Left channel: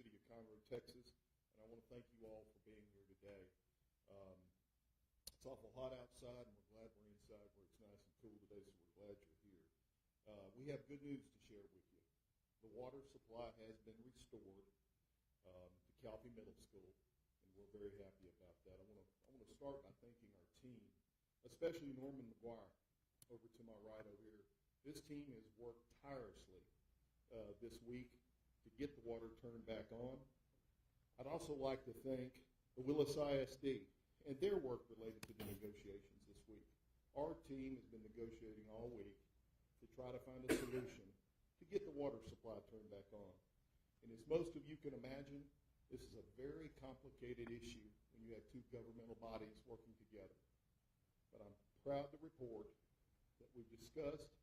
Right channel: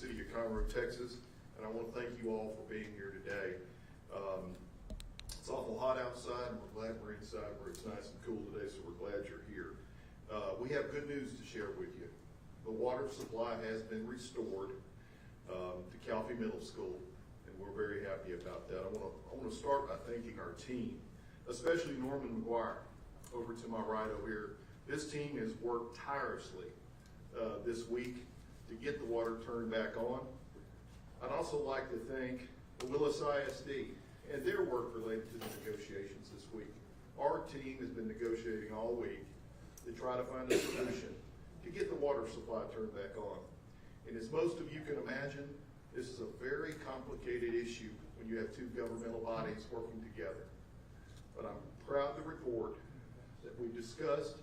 city of Conroe, Texas, and I want to thank you all for being here today. It's awful hot outside, and we're glad we're inside where it's nice and cool today, so we're glad you're here. We have good news to share with you. The water supply has been restored to Calfee Middle School, and we're very happy about that. I want to start by thanking our team, especially Norman McGuire over to my right over here. This team has worked tirelessly this week to get the water turned back on. I'd also like to thank the Willis ISD and their work related to the negotiations this week. Our team has been negotiating all week to try to find a solution to get the water supply turned back on. And as most of you can imagine, this is a very complicated issue when you have two governmental bodies working together. But I'm proud to report that we've discussed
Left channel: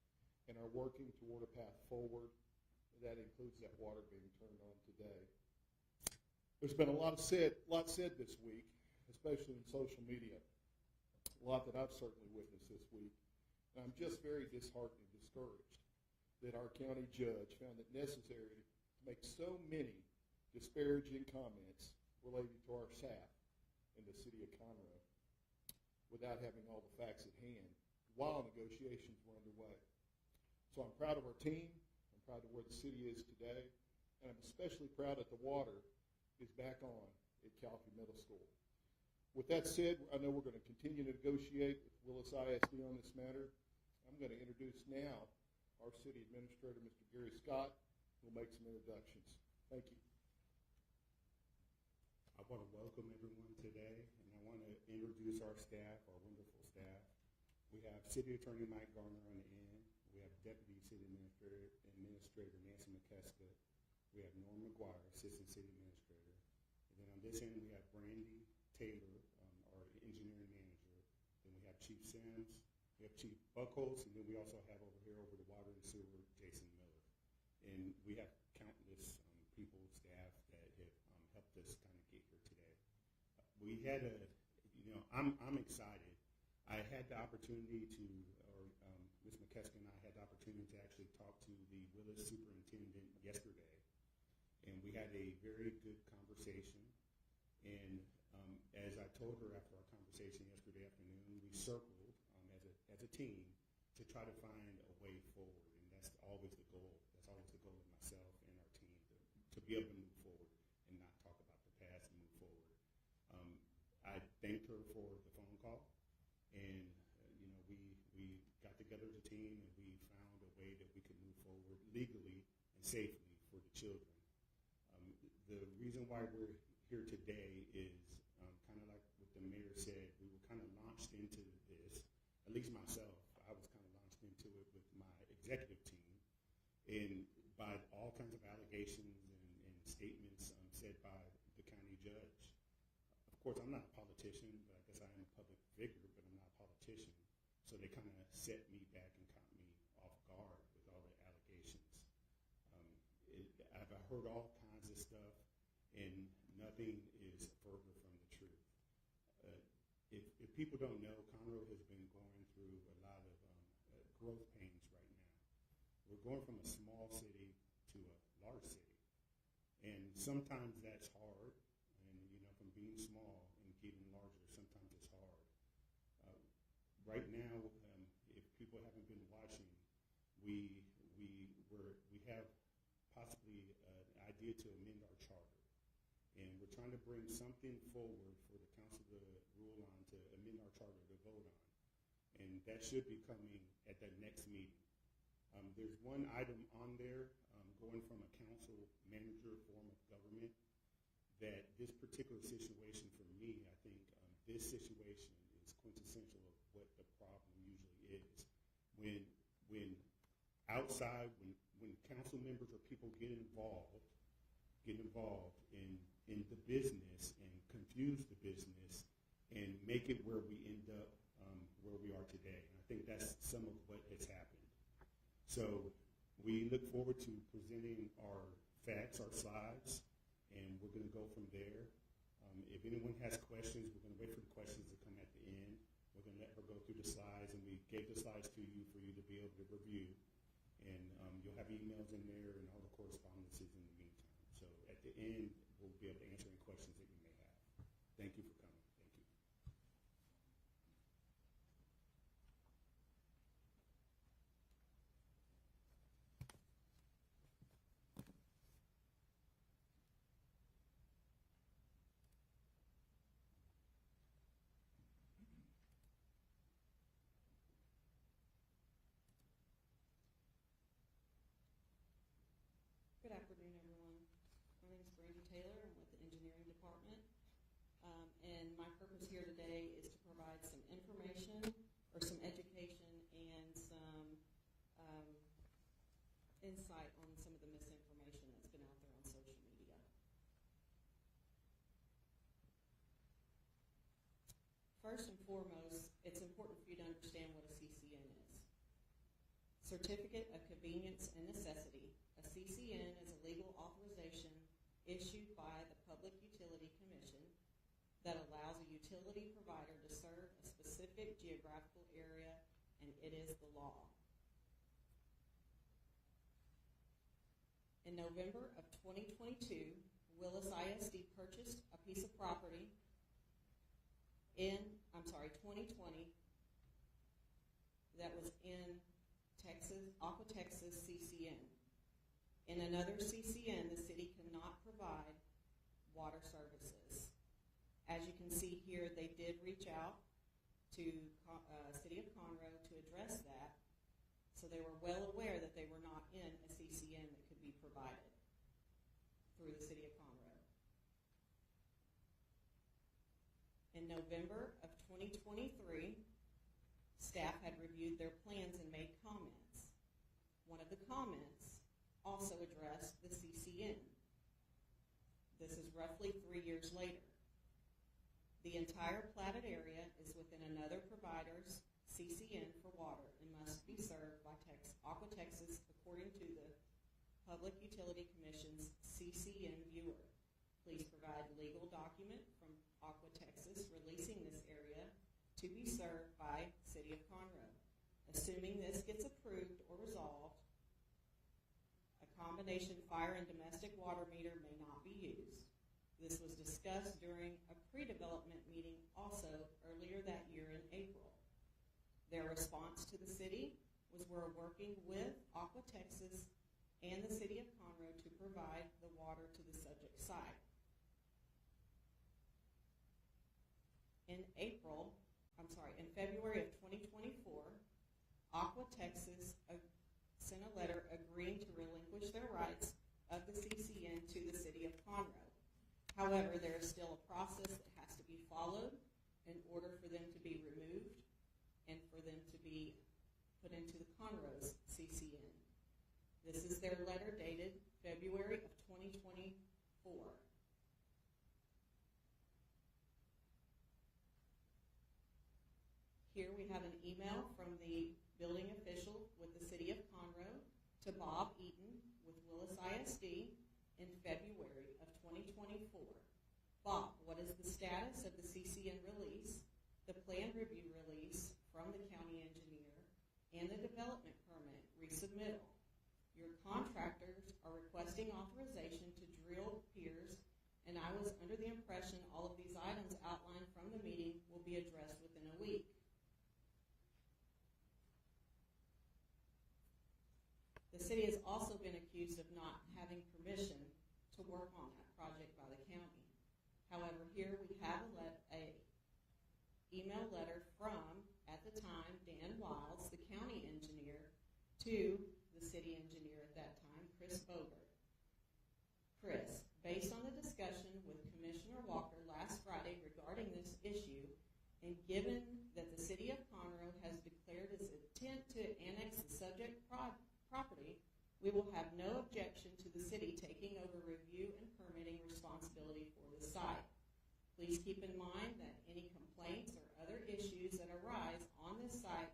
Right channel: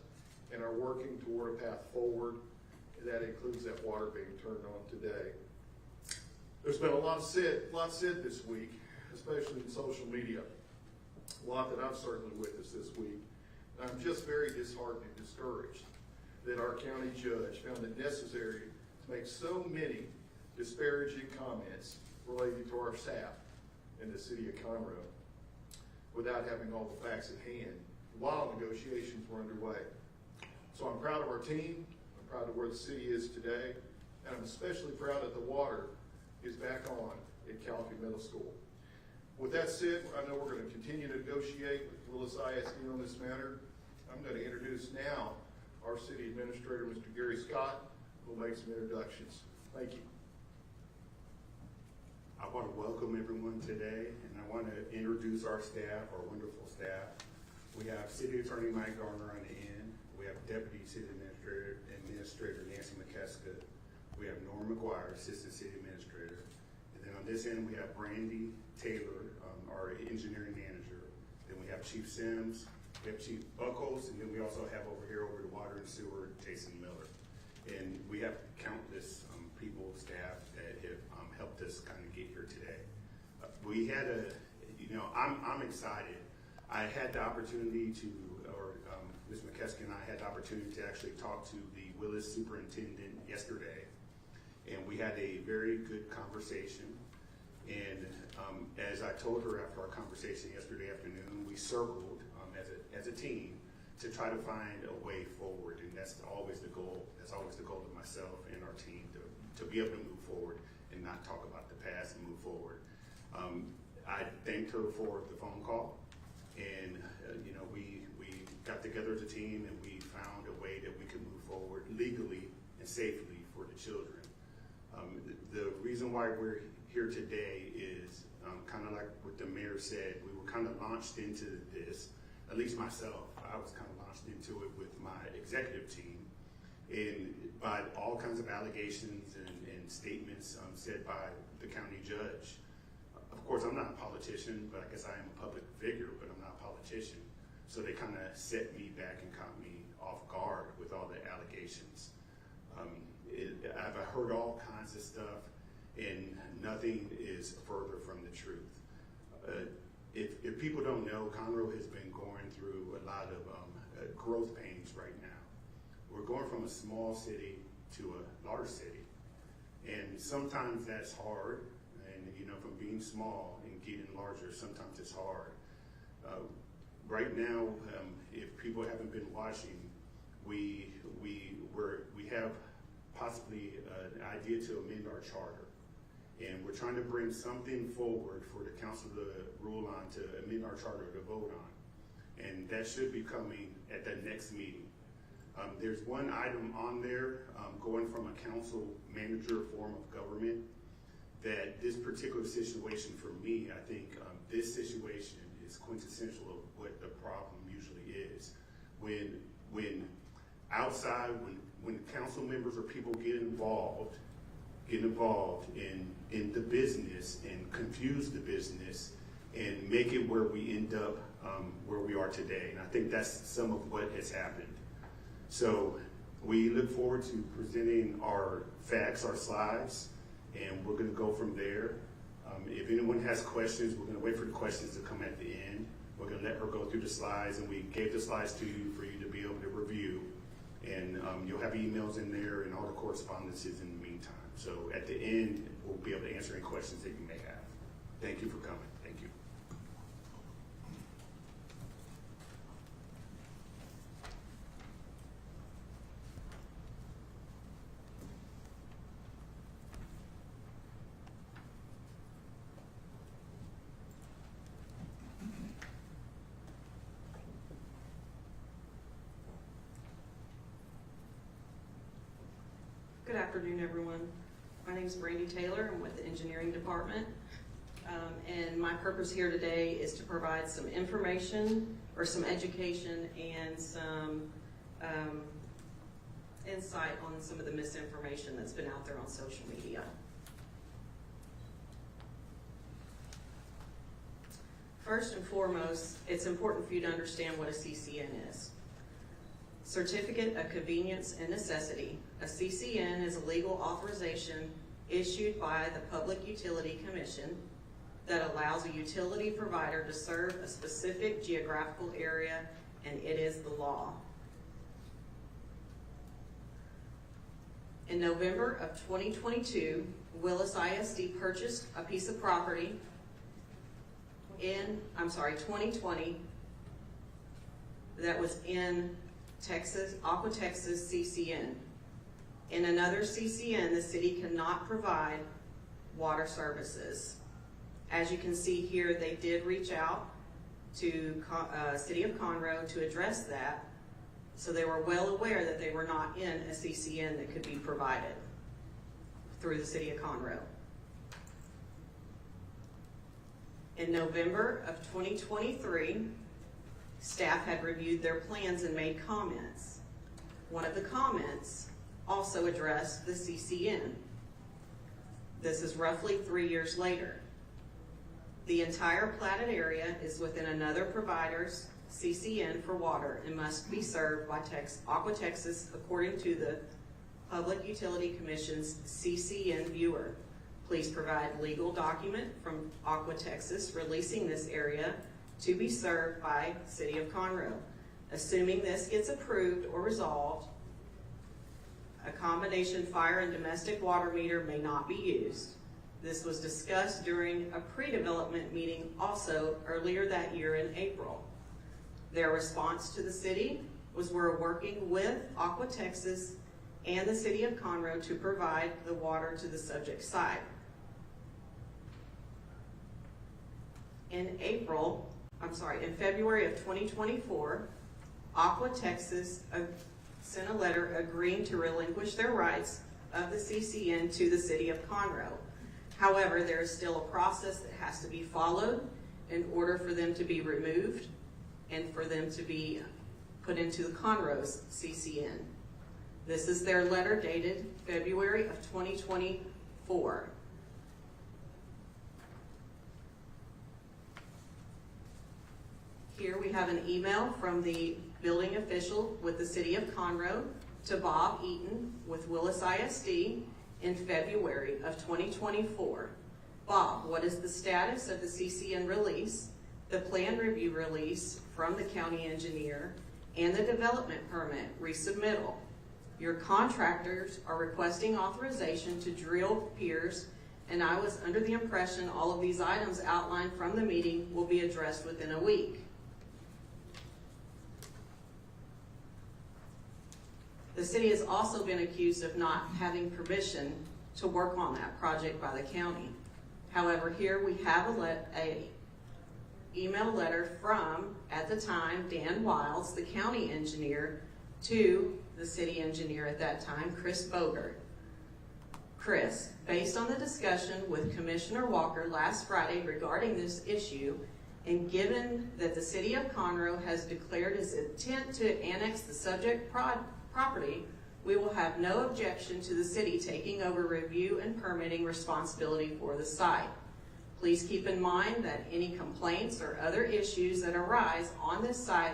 and are working toward a path forward. That includes that water being turned on today. There's been a lot said this week, especially in social media. A lot that I've certainly witnessed this week. And I'm just very disheartened and discouraged that our county judge found it necessary to make so many disparaging comments related to our staff in the city of Conroe without having all the facts at hand while negotiations were underway. So I'm proud of our team. I'm proud of where the city is today, and I'm especially proud that the water is back on at Calfee Middle School. With that said, I know we're going to continue to negotiate with Willis ISD on this matter. I'm going to introduce now our city administrator, Mr. Gary Scott, who will make some introductions. Thank you. I want to welcome everyone today, and I want to introduce our staff, our wonderful staff. We have City Attorney Mike Garner on the end. We have Deputy City Administrator Nancy McKeska. We have Norm McGuire, Assistant City Administrator. And then on this end, we have Brandy Taylor, our Engineering Manager. Then we have Chief Sims, we have Chief Buckles, and then we also have over here over the Water and Sewer, Jason Miller. And we have countless people, staff that have helped us kind of get here today. We had I'm excited. I had the opportunity to, Ms. McKeska and I had the opportunity to actually talk to the Willis superintendent yesterday, and we had a very good conversation. And as I told her after our conversation yesterday afternoon, we circled as a team to try to find a way forward, and that's always the goal. That's always the goal of myself and our team to be able to move forward and not talk about the past and move forward. I thanked her for the phone call, and we got together as a team and we found a way that we could move forward legally and safely for the children. The reason why we're here today is kind of like what the mayor said. We were kind of launched into this, at least myself. I was kind of launched into it with my executive team, and by all kinds of allegations and statements said by the county judge. Of course, I'm not a politician, but I guess I am a public figure, but I'm not a politician. So they kind of set me back and caught me off guard with all the allegations. I've heard all kinds of stuff, and nothing is further from the truth. If people don't know, Conroe has been going through a lot of growth pains right now. We're going from a small city to a large city, and sometimes that's hard. And from being small and getting larger, sometimes it's hard. Right now, if people haven't been watching, we have possibly an idea to amend our charter, and we're trying to bring something forward for the council to rule on, to amend our charter to vote on, and that should be coming at the next meeting. There's one item on there going from a council manager form of government that this particular situation for me, I think this situation is quintessential of what the problem usually is. When outside, when council members or people get involved in the business and confuse the business and make it where we end up where we are today. And I think that's some of what has happened. So we look forward to presenting our facts, our slides, and we're going to go from there. If anyone has questions, we're going to wait for the questions to come at the end. We're going to let her go through the slides, and we gave the slides to you for you to be able to review. And you'll have emails in there and all the correspondences in the meantime. So at the end, we'll be able to answer any questions that you may have. Thank you for coming. Thank you. Good afternoon, everyone. My name is Brandy Taylor. I'm with the engineering department. And my purpose here today is to provide some information or some education and some insight on some of the misinformation that's been out there on social media. First and foremost, it's important for you to understand what a CCN is. Certificate of Convenience and Necessity. A CCN is a legal authorization issued by the Public Utility Commission that allows a utility provider to serve a specific geographical area, and it is the law. In November of 2022, Willis ISD purchased a piece of property in, 2020, that was in Texas, Aqua Texas CCN. In another CCN, the city cannot provide water services. As you can see here, they did reach out to City of Conroe to address that, so they were well aware that they were not in a CCN that could be provided through the City of Conroe. In November of 2023, staff had reviewed their plans and made comments. One of the comments also addressed the CCN. This is roughly 3 years later. The entire platted area is within another provider's CCN for water and must be served by Aqua Texas according to the Public Utility Commission's CCN viewer. Please provide legal document from Aqua Texas releasing this area to be served by City of Conroe. Assuming this gets approved or resolved, a combination fire and domestic water meter may not be used. This was discussed during a pre-development meeting also earlier that year in April. Their response to the city was, we're working with Aqua Texas and the City of Conroe to provide the water to the subject site. In February of 2024, Aqua Texas sent a letter agreeing to relinquish their rights of the CCN to the City of Conroe. However, there is still a process that has to be followed in order for them to be removed and for them to be put into the Conroe's CCN. This is their letter dated February of 2024. Here we have an email from the building official with the City of Conroe to Bob Eaton with Willis ISD in February of 2024. Bob, what is the status of the CCN release, the plan review release from the county engineer, and the development permit resubmittal? Your contractors are requesting authorization to drill piers, and I was under the impression all of these items outlined from the meeting will be addressed within a week. The city has also been accused of not having permission to work on that project by the county. However, here we have a email letter from, at the time, Dan Wiles, the county engineer, to the city engineer at that time, Chris Bogert. Chris, based on the discussion with Commissioner Walker last Friday regarding this issue, and given that the City of Conroe has declared its intent to annex the subject property, we will have no objection to the city taking over review and permitting responsibility for the site. Please keep in mind that any complaints or other issues that arise on this site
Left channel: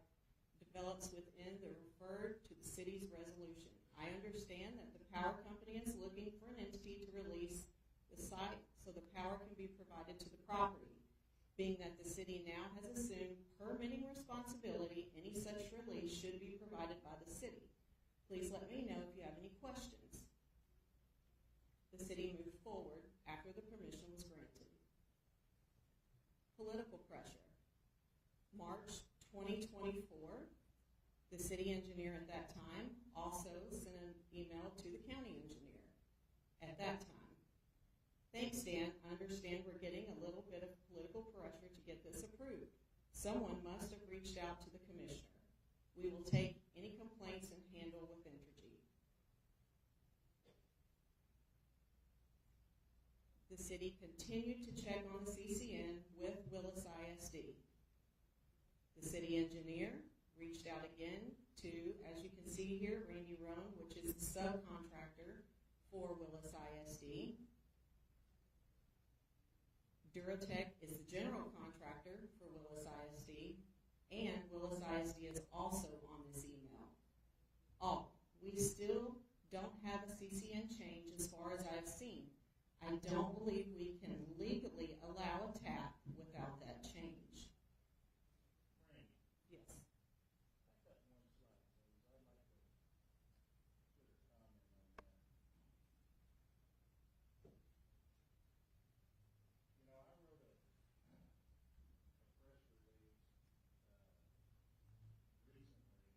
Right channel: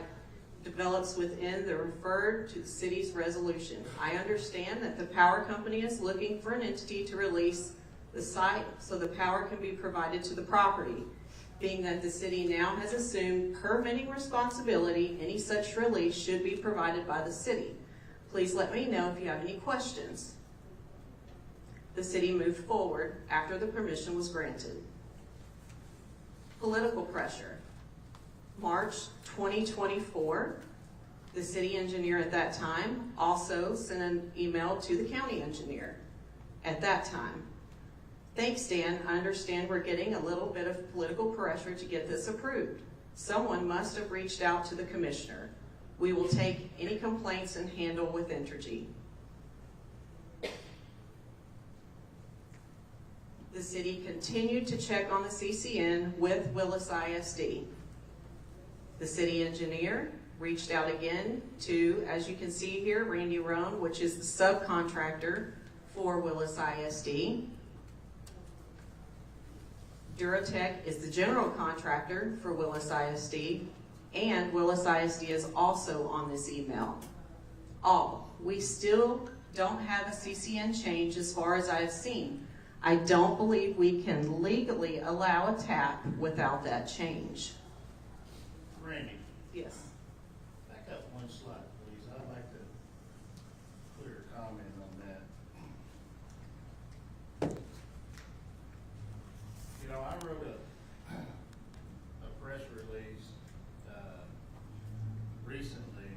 develops within the referred to the city's resolution. I understand that the power company is looking for an entity to release the site so the power can be provided to the property. Being that the city now has assumed permitting responsibility, any such release should be provided by the city. Please let me know if you have any questions. the city moved forward after the permission was granted. Political pressure. March 2024, the city engineer at that time also sent an email to the county engineer at that time. Thanks, Dan. I understand we're getting a little bit of political pressure to get this approved. Someone must have reached out to the commissioner. We will take any complaints and handle with Entergy. The city continued to check on the CCN with Willis ISD. The city engineer reached out again to, as you can see here, Randy Roan, which is the subcontractor for Willis ISD. Duratech is the general contractor for Willis ISD, and Willis ISD is also on this email. We still don't have a CCN change as far as I've seen. I don't believe we can legally allow a tap without that change. Randy, Yes. back up one slide, please. I'd like to clear a comment on that. You know, I wrote a press release, recently,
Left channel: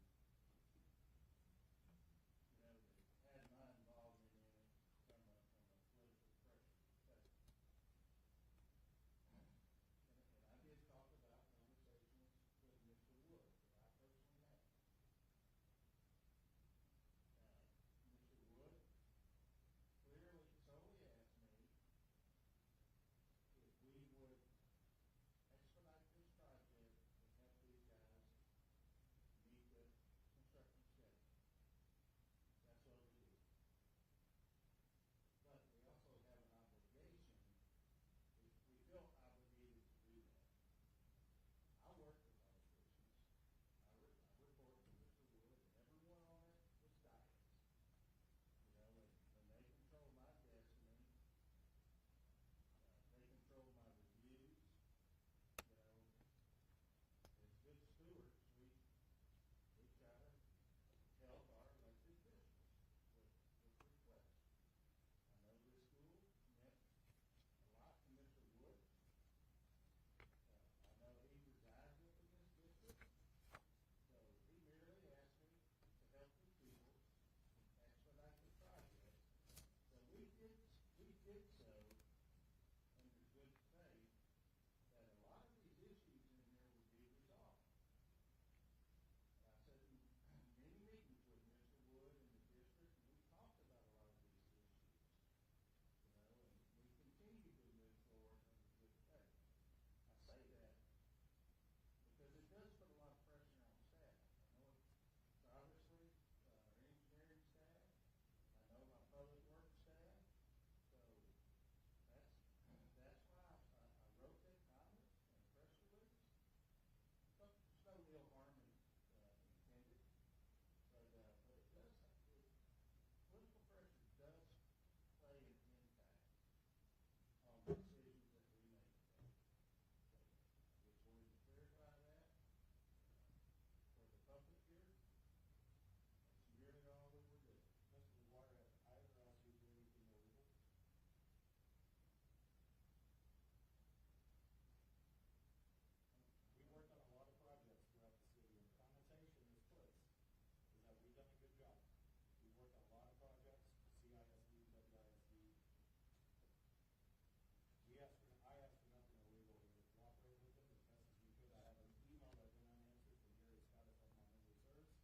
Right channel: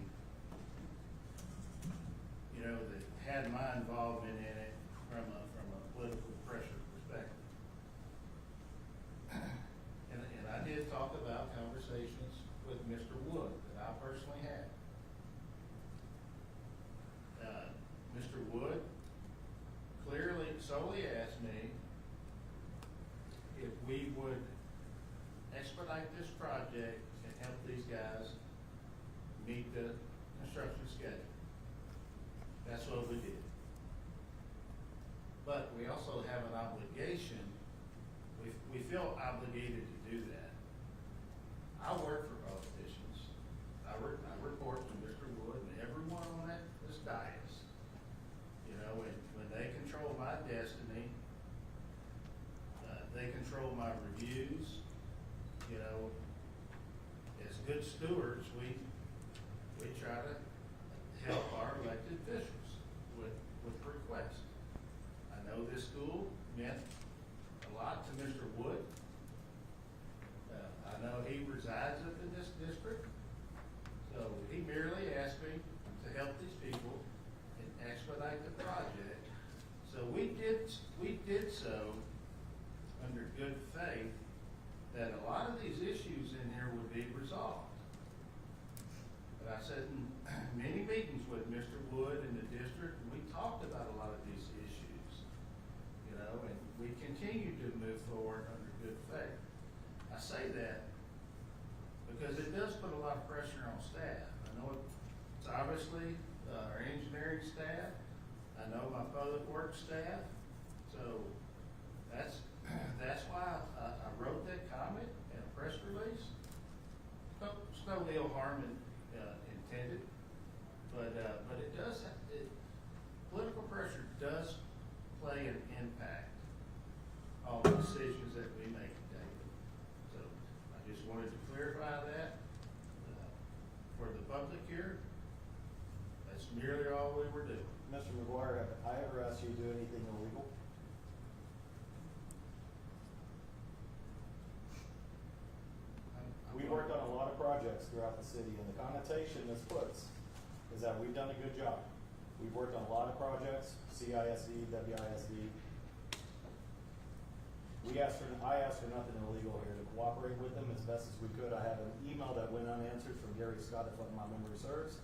you know, that had my involvement in it from a political pressure perspective. And I did talk about conversations with Mr. Wood that I personally had. Mr. Wood clearly solely asked me if we would expedite this project and help these guys meet the construction schedule. That's what we did. But we also have an obligation, we feel obligated to do that. I work for politicians. I report to Mr. Wood and everyone on this dais. You know, when they control my destiny, they control my reviews. You know, as good stewards, we try to help our elected officials with requests. I know this school meant a lot to Mr. Wood. I know he resides up in this district, so he merely asked me to help these people and expedite the project. So we did so under good faith that a lot of these issues in here would be resolved. But I sat in many meetings with Mr. Wood in the district, and we talked about a lot of these issues, you know, and we continue to move forward under good faith. I say that because it does put a lot of pressure on staff. I know it's obviously our engineering staff. I know my public works staff. So that's why I wrote that comment in a press release. It's no ill harm intended, but it does. Political pressure does play an impact on the decisions that we make daily. So I just wanted to clarify that for the public here. That's merely all we were doing. Mr. McGuire, have I ever asked you to do anything illegal? We worked on a lot of projects throughout the city, and the connotation this puts is that we've done a good job. We've worked on a lot of projects, CISD, WISD. I asked for nothing illegal here, to cooperate with them as best as we could. I have an email that went unanswered from Gary Scott, if my memory serves.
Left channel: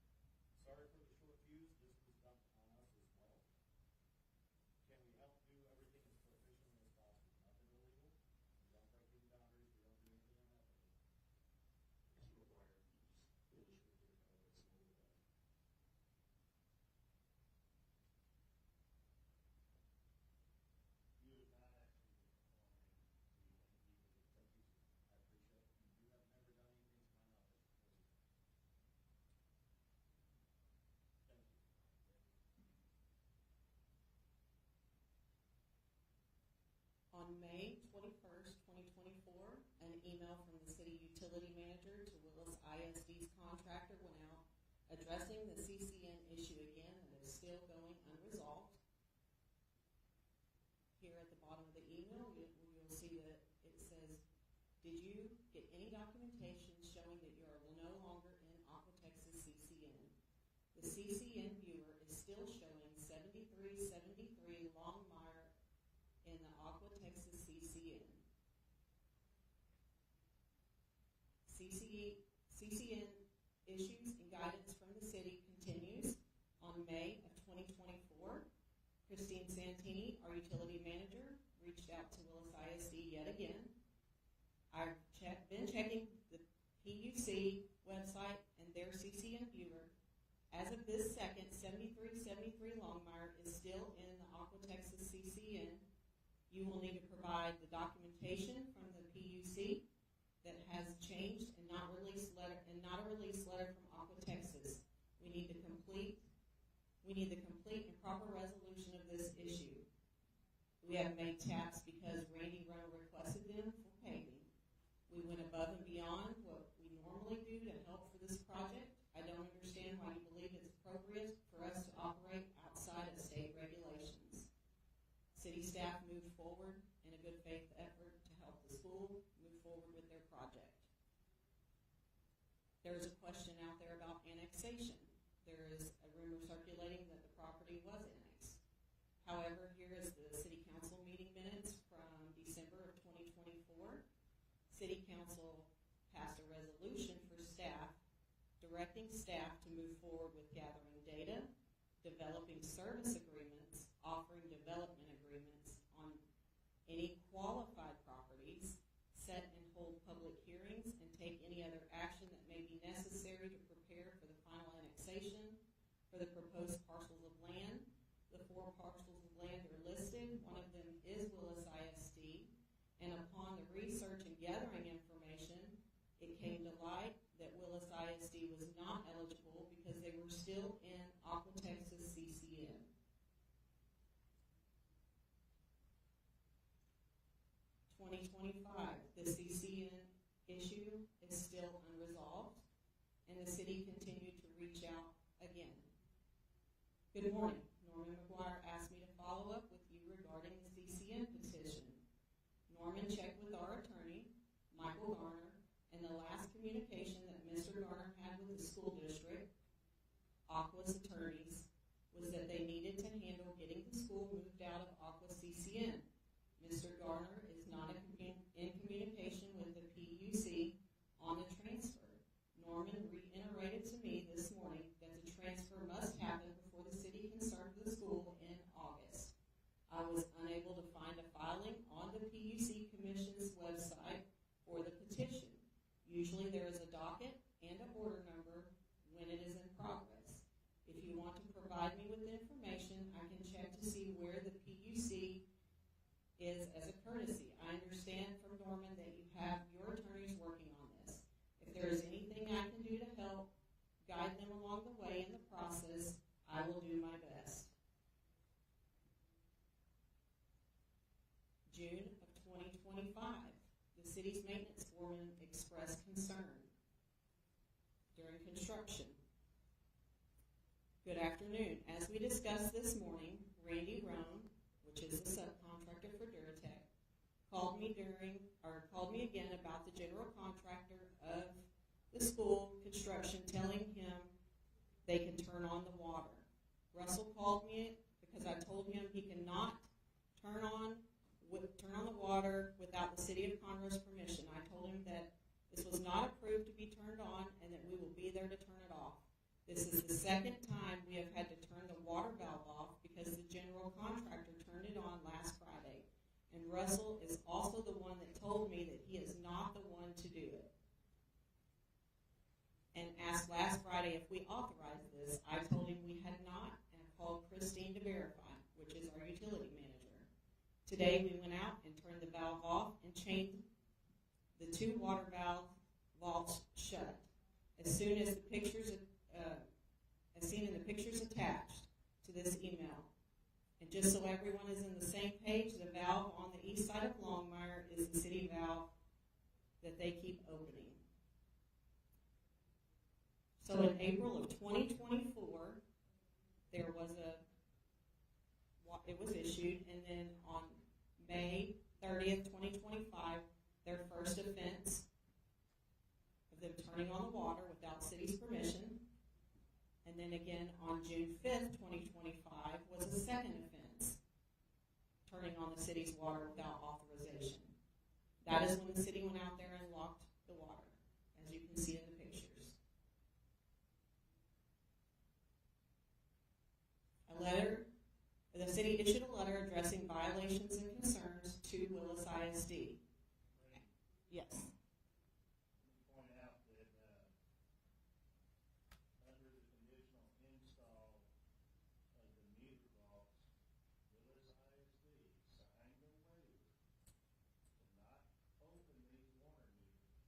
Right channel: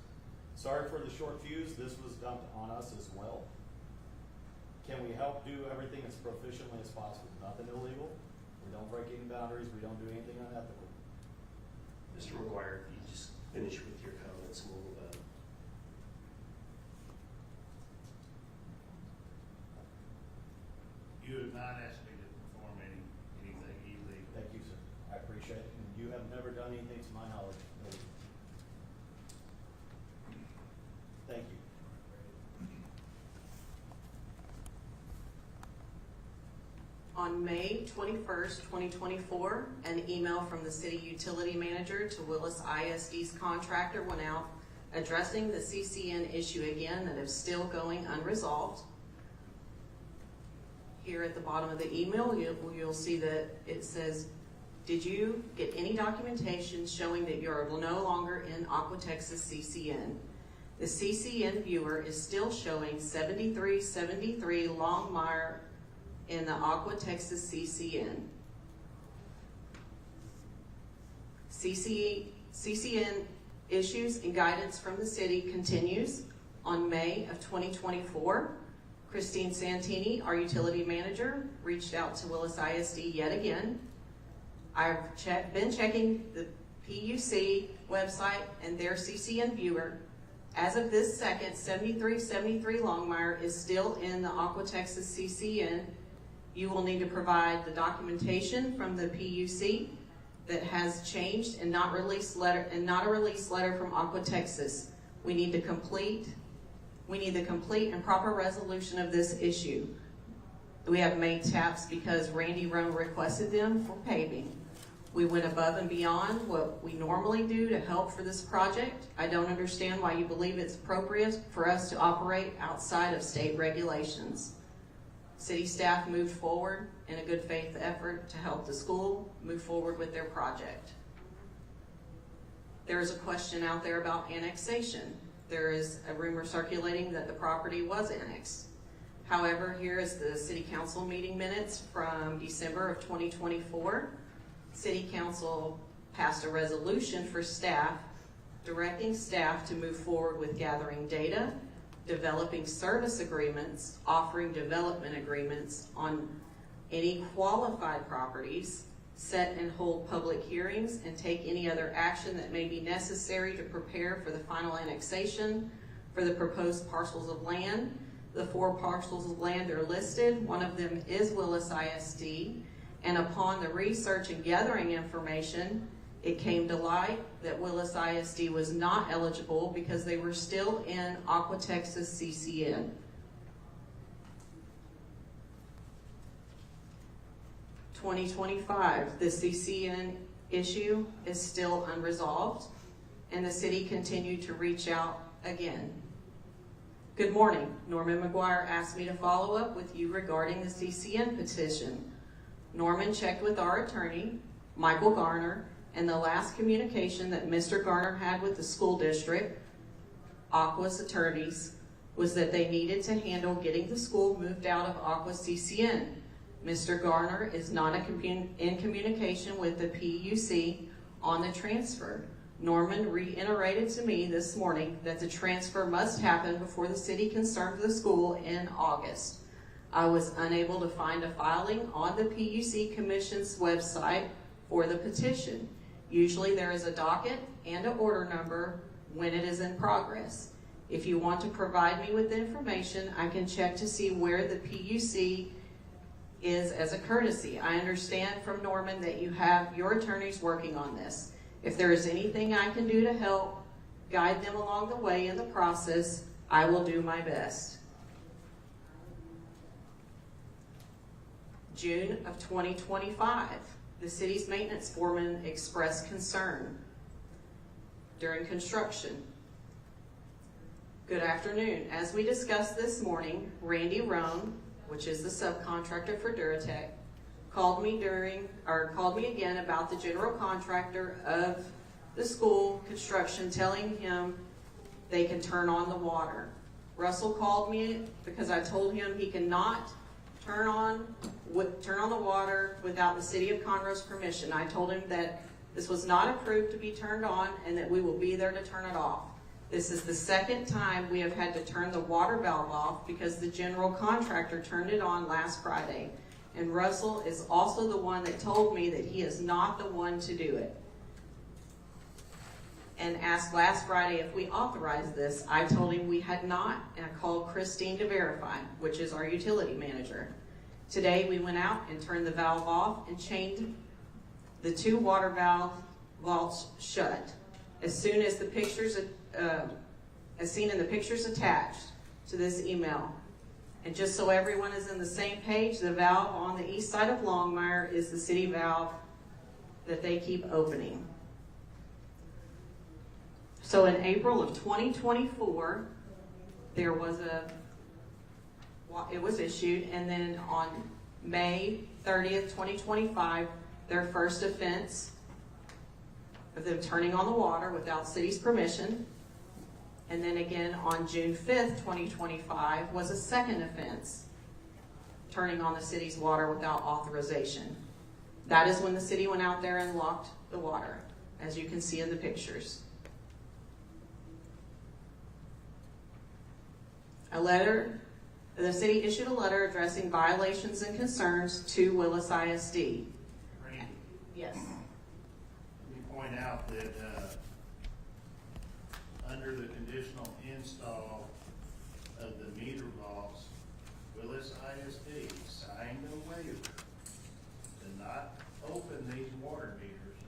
Sorry for the short fuse, this was dumped on us as well. Can we help do everything as proficiently as possible? Nothing illegal, we don't break any boundaries, we don't do anything unethical. Mr. McGuire, if you just finish with your comments, we'll move on. You have not asked me to perform anything illegal. Thank you, sir. I appreciate it. And you have never done anything to my knowledge. Thank you. On May 21st, 2024, an email from the city utility manager to Willis ISD's contractor went out addressing the CCN issue again that is still going unresolved. here at the bottom of the email, you'll see that it says, did you get any documentation showing that you're no longer in Aqua Texas CCN? The CCN viewer is still showing 7373 Longmire in the Aqua Texas CCN. CCN issues and guidance from the city continues. On May of 2024, Christine Santini, our utility manager, reached out to Willis ISD yet again. I've been checking the PUC website and their CCN viewer. As of this second, 7373 Longmire is still in the Aqua Texas CCN. You will need to provide the documentation from the PUC that has changed and not a release letter from Aqua Texas. We need the complete and proper resolution of this issue. We have made taps because Randy Roan requested them for paving. We went above and beyond what we normally do to help for this project. I don't understand why you believe it's appropriate for us to operate outside of state regulations. City staff moved forward in a good faith effort to help the school move forward with their project. There is a question out there about annexation. There is a rumor circulating that the property was annexed. However, here is the City Council meeting minutes from December of 2024. City Council passed a resolution for staff, directing staff to move forward with gathering data, developing service agreements, offering development agreements on any qualified properties, set and hold public hearings, and take any other action that may be necessary to prepare for the final annexation for the proposed parcels of land. The 4 parcels of land are listed. One of them is Willis ISD. And upon the research and gathering information, it came to light that Willis ISD was not eligible because they were still in Aqua Texas CCN. The CCN issue is still unresolved, and the city continued to reach out again. Good morning. Norman McGuire asked me to follow up with you regarding the CCN petition. Norman checked with our attorney, Michael Garner, and the last communication that Mr. Garner had with the school district, Aqua's attorneys, was that they needed to handle getting the school moved out of Aqua CCN. Mr. Garner is not in communication with the PUC on the transfer. Norman reiterated to me this morning that the transfer must happen before the city can serve the school in August. I was unable to find a filing on the PUC Commission's website for the petition. Usually there is a docket and an order number when it is in progress. If you want to provide me with the information, I can check to see where the PUC is as a courtesy. I understand from Norman that you have your attorneys working on this. If there is anything I can do to help guide them along the way in the process, I will do my best. June of 2025, the city's maintenance foreman expressed concern during construction. Good afternoon. As we discussed this morning, Randy Roan, which is the subcontractor for Duratec, called me again about the general contractor of the school construction, telling him they can turn on the water. Russell called me because I told him he cannot turn on the water without the city of Conroe's permission. I told him that this was not approved to be turned on and that we will be there to turn it off. This is the second time we have had to turn the water valve off because the general contractor turned it on last Friday. And Russell is also the one that told me that he is not the one to do it. And asked last Friday if we authorized this. I told him we had not, and I called Christine to verify, which is our utility manager. Today we went out and turned the valve off and chained the 2 water vaults shut. As soon as the pictures, as seen in the pictures attached to this email. And just so everyone is in the same page, the valve on the east side of Longmire is the city valve that they keep opening. So in April of 2024, it was issued, and then on May 30th, 2025, their first offense of them turning on the water without city's permission. And then again on June 5th, 2025 was a second offense, turning on the city's water without authorization. That is when the city went out there and locked the water, as you can see in the pictures. The city issued a letter addressing violations and concerns to Willis ISD. Randy, Yes. let me point out that, under the conditional install of the meter vaults, Willis ISD signed a waiver to not open these water meters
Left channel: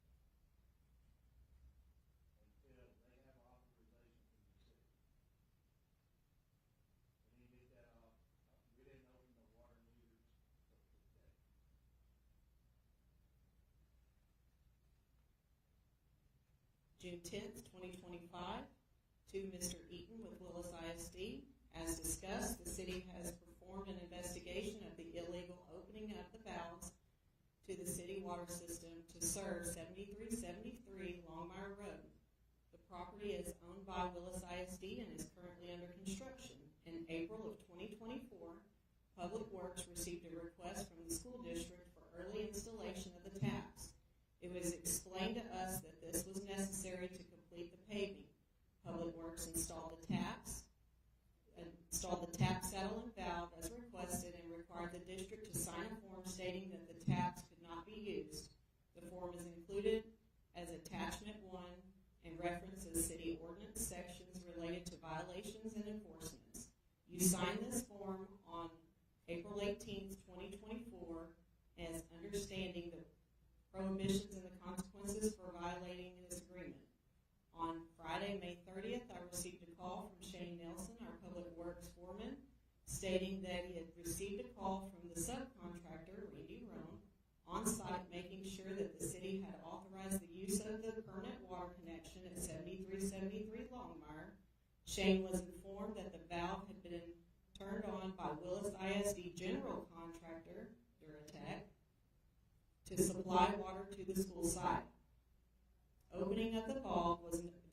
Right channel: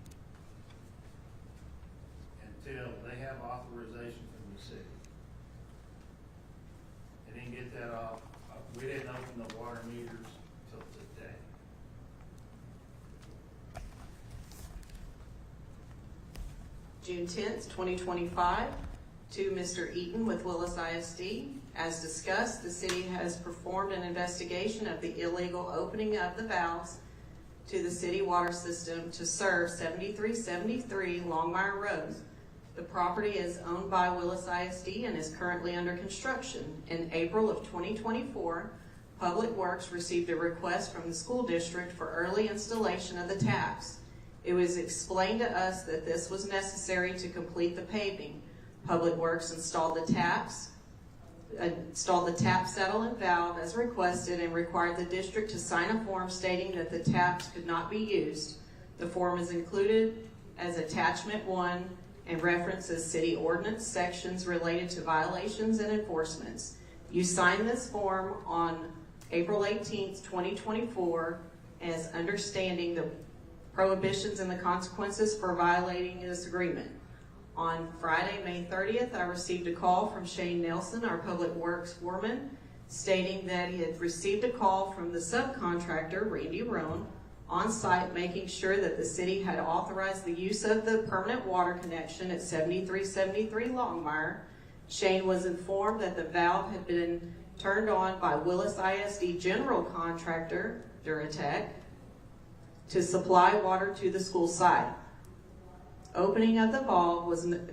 until they have authorization from the city. They didn't get that off, we didn't open the water meters till today. June 10th, 2025, to Mr. Eaton with Willis ISD. As discussed, the city has performed an investigation of the illegal opening of the valves to the city water system to serve 7373 Longmire Road. The property is owned by Willis ISD and is currently under construction. In April of 2024, Public Works received a request from the school district for early installation of the taps. It was explained to us that this was necessary to complete the paving. Public Works installed the tap settle and valve as requested and required the district to sign a form stating that the taps could not be used. The form is included as attachment 1 and references city ordinance sections related to violations and enforcements. You signed this form on April 18th, 2024 as understanding the prohibitions and the consequences for violating this agreement. On Friday, May 30th, I received a call from Shane Nelson, our Public Works foreman, stating that he had received a call from the subcontractor, Randy Roan, on site making sure that the city had authorized the use of the permanent water connection at 7373 Longmire. Shane was informed that the valve had been turned on by Willis ISD general contractor, Duratec, to supply water to the school site. Opening of the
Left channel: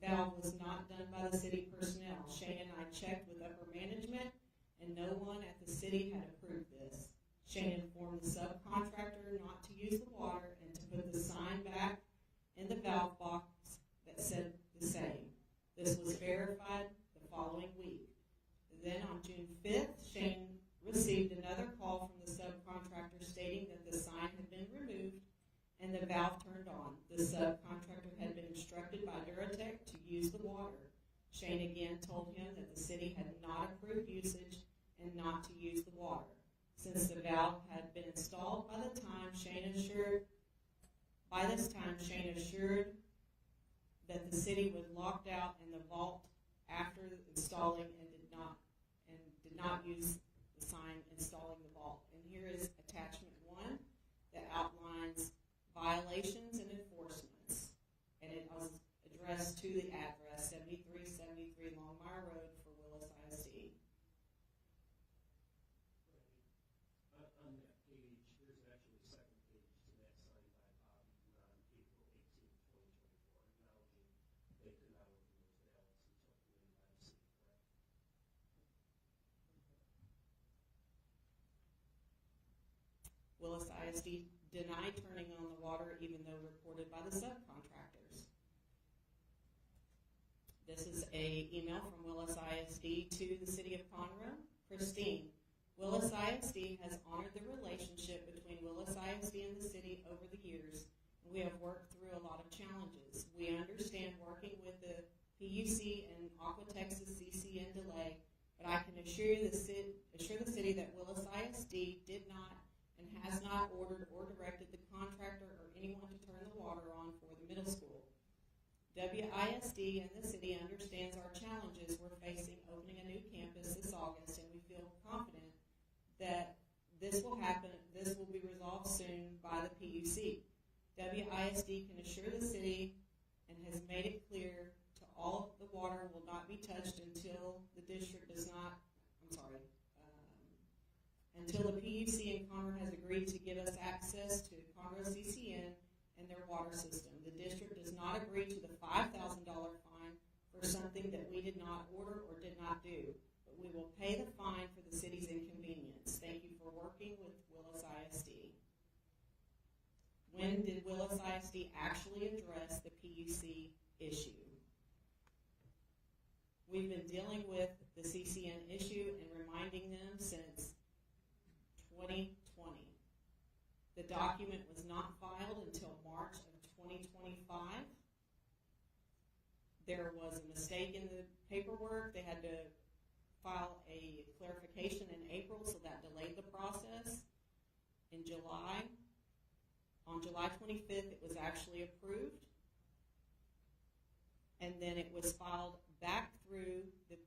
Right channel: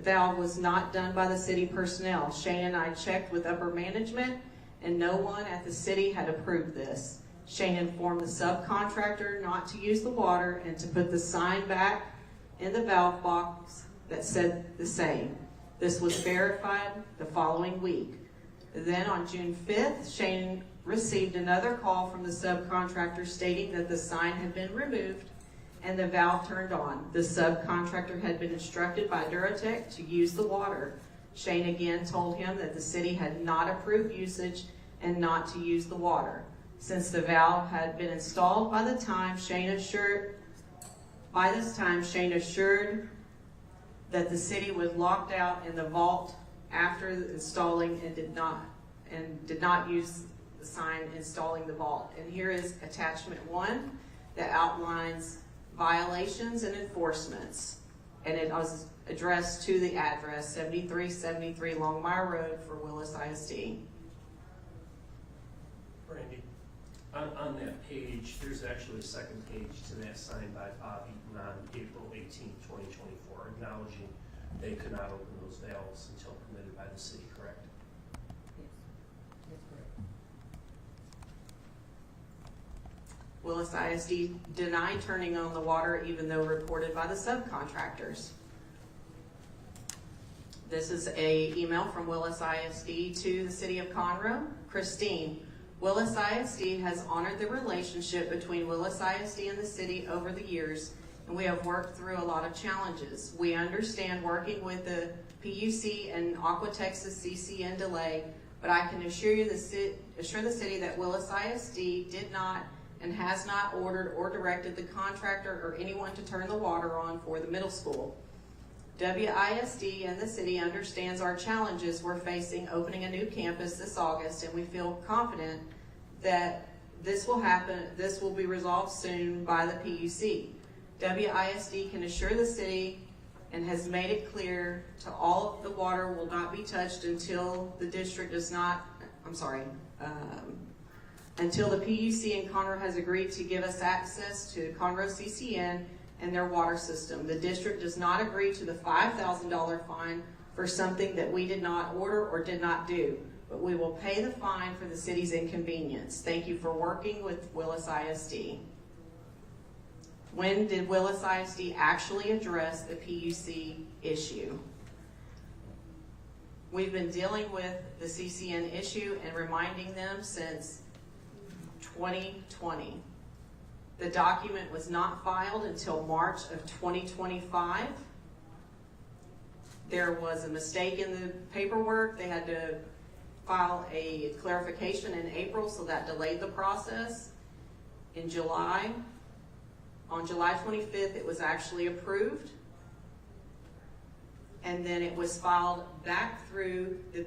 valve was not done by the city personnel. Shane and I checked with upper management and no one at the city had approved this. Shane informed the subcontractor not to use the water and to put the sign back in the valve box that said the same. This was verified the following week. Then on June 5th, Shane received another call from the subcontractor stating that the sign had been removed and the valve turned on. The subcontractor had been instructed by Duratec to use the water. Shane again told him that the city had not approved usage and not to use the water. Since the valve had been installed by this time, Shane assured that the city was locked out in the vault after installing and did not use the sign installing the vault. And here is attachment 1 that outlines violations and enforcements, and it was addressed to the address 7373 Longmire Road for Willis ISD. Randy, on that page, there's actually a second page to that signed by Bob Eaton on April 18th, 2024, acknowledging they could not open those valves until permitted by the city, correct? That's correct. Willis ISD denied turning on the water even though reported by the subcontractors. This is an email from Willis ISD to the city of Conroe. Christine, Willis ISD has honored the relationship between Willis ISD and the city over the years, and we have worked through a lot of challenges. We understand working with the PUC and Aqua Texas CCN delay, but I can assure the city that Willis ISD did not and has not ordered or directed the contractor or anyone to turn the water on for the middle school. WISD and the city understands our challenges we're facing opening a new campus this August, and we feel confident that this will be resolved soon by the PUC. WISD can assure the city and has made it clear to all the water will not be touched until the district does not, until the PUC in Conroe has agreed to give us access to Conroe CCN and their water system. The district does not agree to the $5,000 fine for something that we did not order or did not do, but we will pay the fine for the city's inconvenience. Thank you for working with Willis ISD. When did Willis ISD actually address the PUC issue? We've been dealing with the CCN issue and reminding them since 2020. The document was not filed until March of 2025. There was a mistake in the paperwork. They had to file a clarification in April, so that delayed the process. In July, on July 25th, it was actually approved. And then it was filed back through the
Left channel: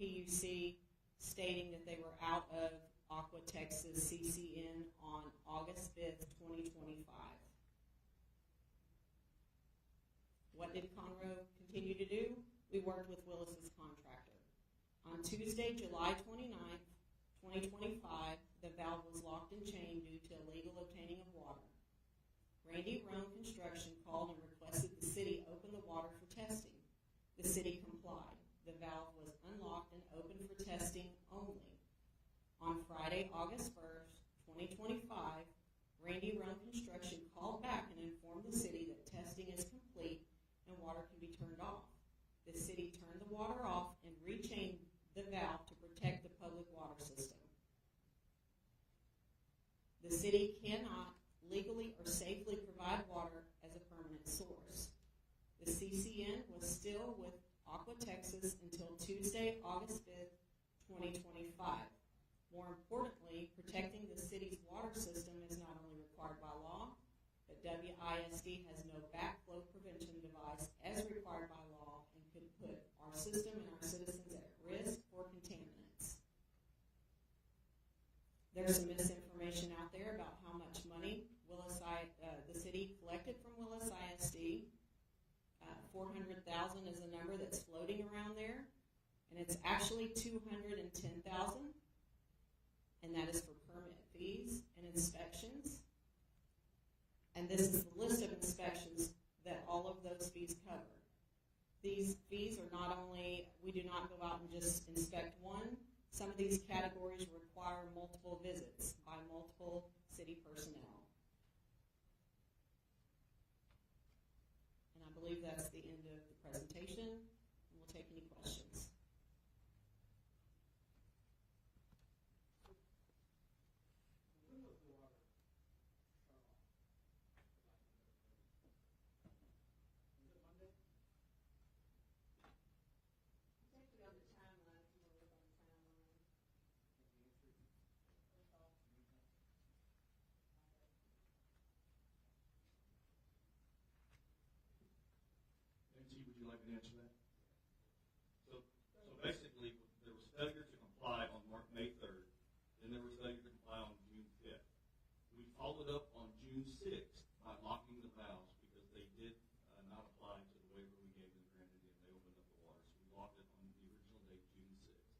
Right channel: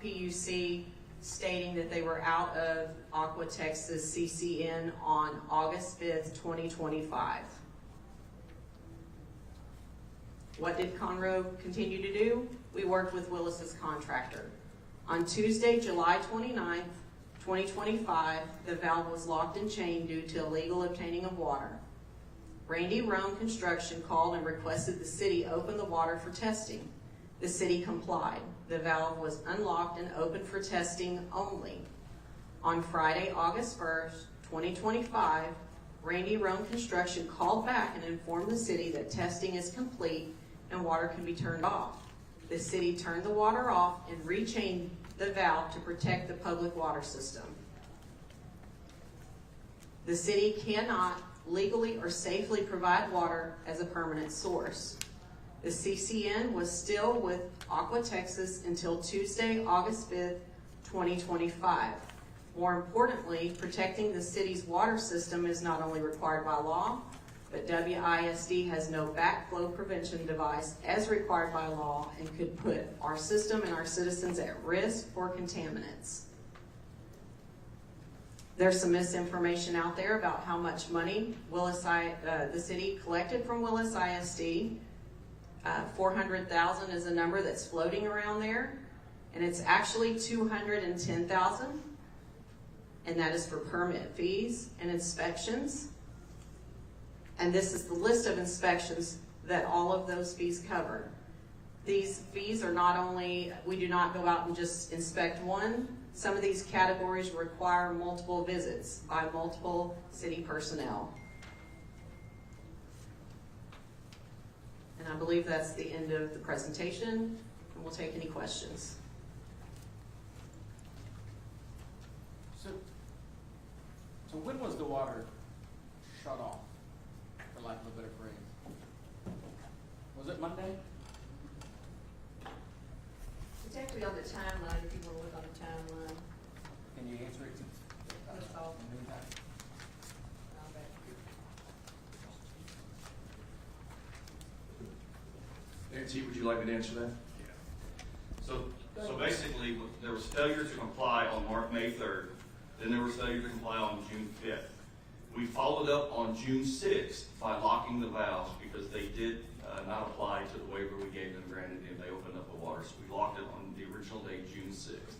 PUC stating that they were out of Aqua Texas CCN on August 5th, 2025. What did Conroe continue to do? We worked with Willis's contractor. On Tuesday, July 29th, 2025, the valve was locked and chained due to illegal obtaining of water. Randy Rome Construction called and requested the city open the water for testing. The city complied. The valve was unlocked and opened for testing only. On Friday, August 1st, 2025, Randy Rome Construction called back and informed the city that testing is complete and water can be turned off. The city turned the water off and rechained the valve to protect the public water system. The city cannot legally or safely provide water as a permanent source. The CCN was still with Aqua Texas until Tuesday, August 5th, 2025. More importantly, protecting the city's water system is not only required by law, but WISD has no backflow prevention device as required by law and could put our system and our citizens at risk for contaminants. There's some misinformation out there about how much money the city collected from Willis ISD. 400,000 is a number that's floating around there, and it's actually 210,000, and that is for permit fees and inspections. And this is the list of inspections that all of those fees cover. These fees are not only, we do not go out and just inspect one. Some of these categories require multiple visits by multiple city personnel. And I believe that's the end of the presentation, and we'll take any questions. So when was the water shut off, for lack of a better phrase? Was it Monday? It's actually on the timeline, if you want to look on the timeline. Can you answer it since? That's all. In the meantime? I'll back you. Nancy, would you like me to answer that? Yeah. So basically, there was failure to comply on May 3rd, then there was failure to comply on June 5th. We followed up on June 6th by locking the valves because they did not apply to the waiver we gave them granted and they opened up the water. So we locked it on the original date, June 6th.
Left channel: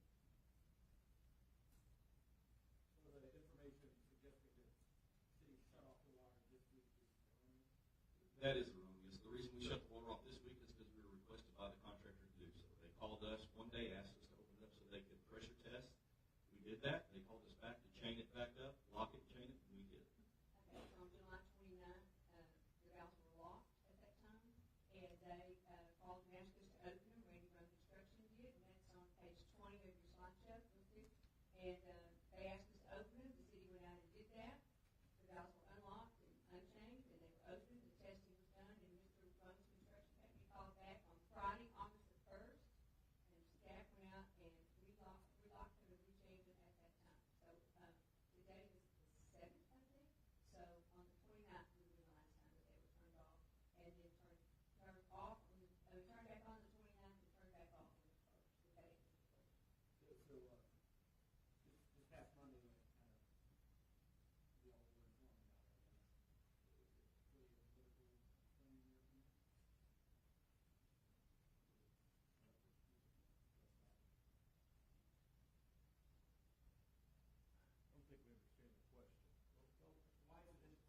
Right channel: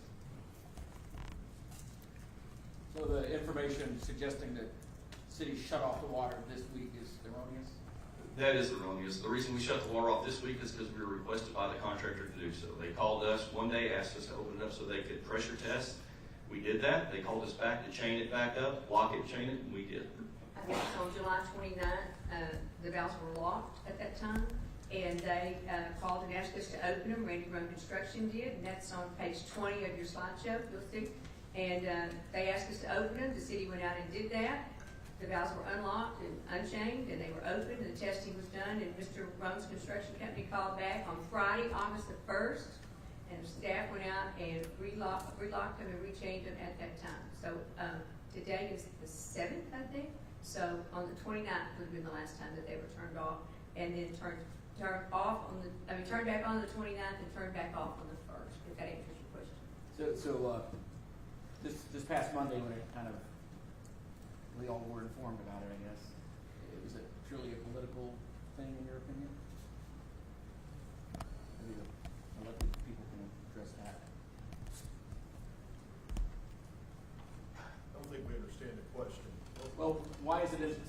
So the information suggesting that city shut off the water this week is erroneous? That is erroneous. The reason we shut the water off this week is because we were requested by the contractor to do so. They called us one day, asked us to open it up so they could pressure test. We did that. They called us back to chain it back up, lock it, chain it, and we did. I think on July 29th, the valves were locked at that time, and they called and asked us to open them. Randy Run Construction did, and that's on page 20 of your slideshow, you'll see. And they asked us to open them. The city went out and did that. The valves were unlocked and unchained, and they were opened, and the testing was done, and Mr. Run's construction company called back on Friday, August the 1st, and staff went out and relocked them and rechained them at that time. So today is the 7th, I think. So on the 29th would have been the last time that they were turned off, and then turned off on turned back on the 29th and turned back off on the 1st, if that answers your question. So this past Monday when it kind of, we all were informed about it, I guess. Was it truly a political thing in your opinion? Maybe the elected people can address that. I don't think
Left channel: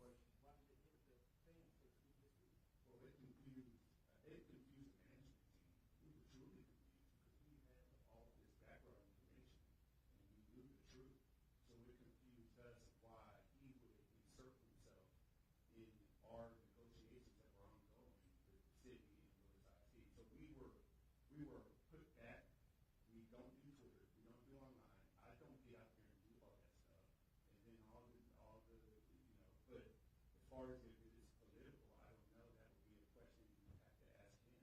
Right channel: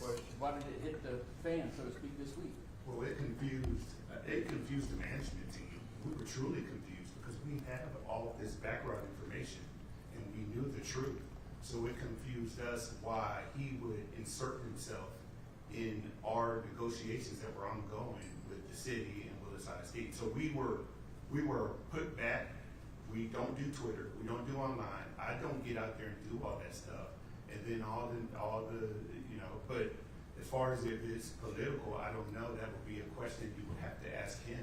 question? Why did it hit the fan, so to speak, this week? Well, it confused the management team. We were truly confused because we have all of this background information and we knew the truth. So it confused us why he would insert himself in our negotiations that were ongoing with the city and Willis ISD. So we were put back. We don't do Twitter. We don't do online. I don't get out there and do all that stuff. And then all the but as far as if it's political, I don't know. That would be a question you would have to ask him.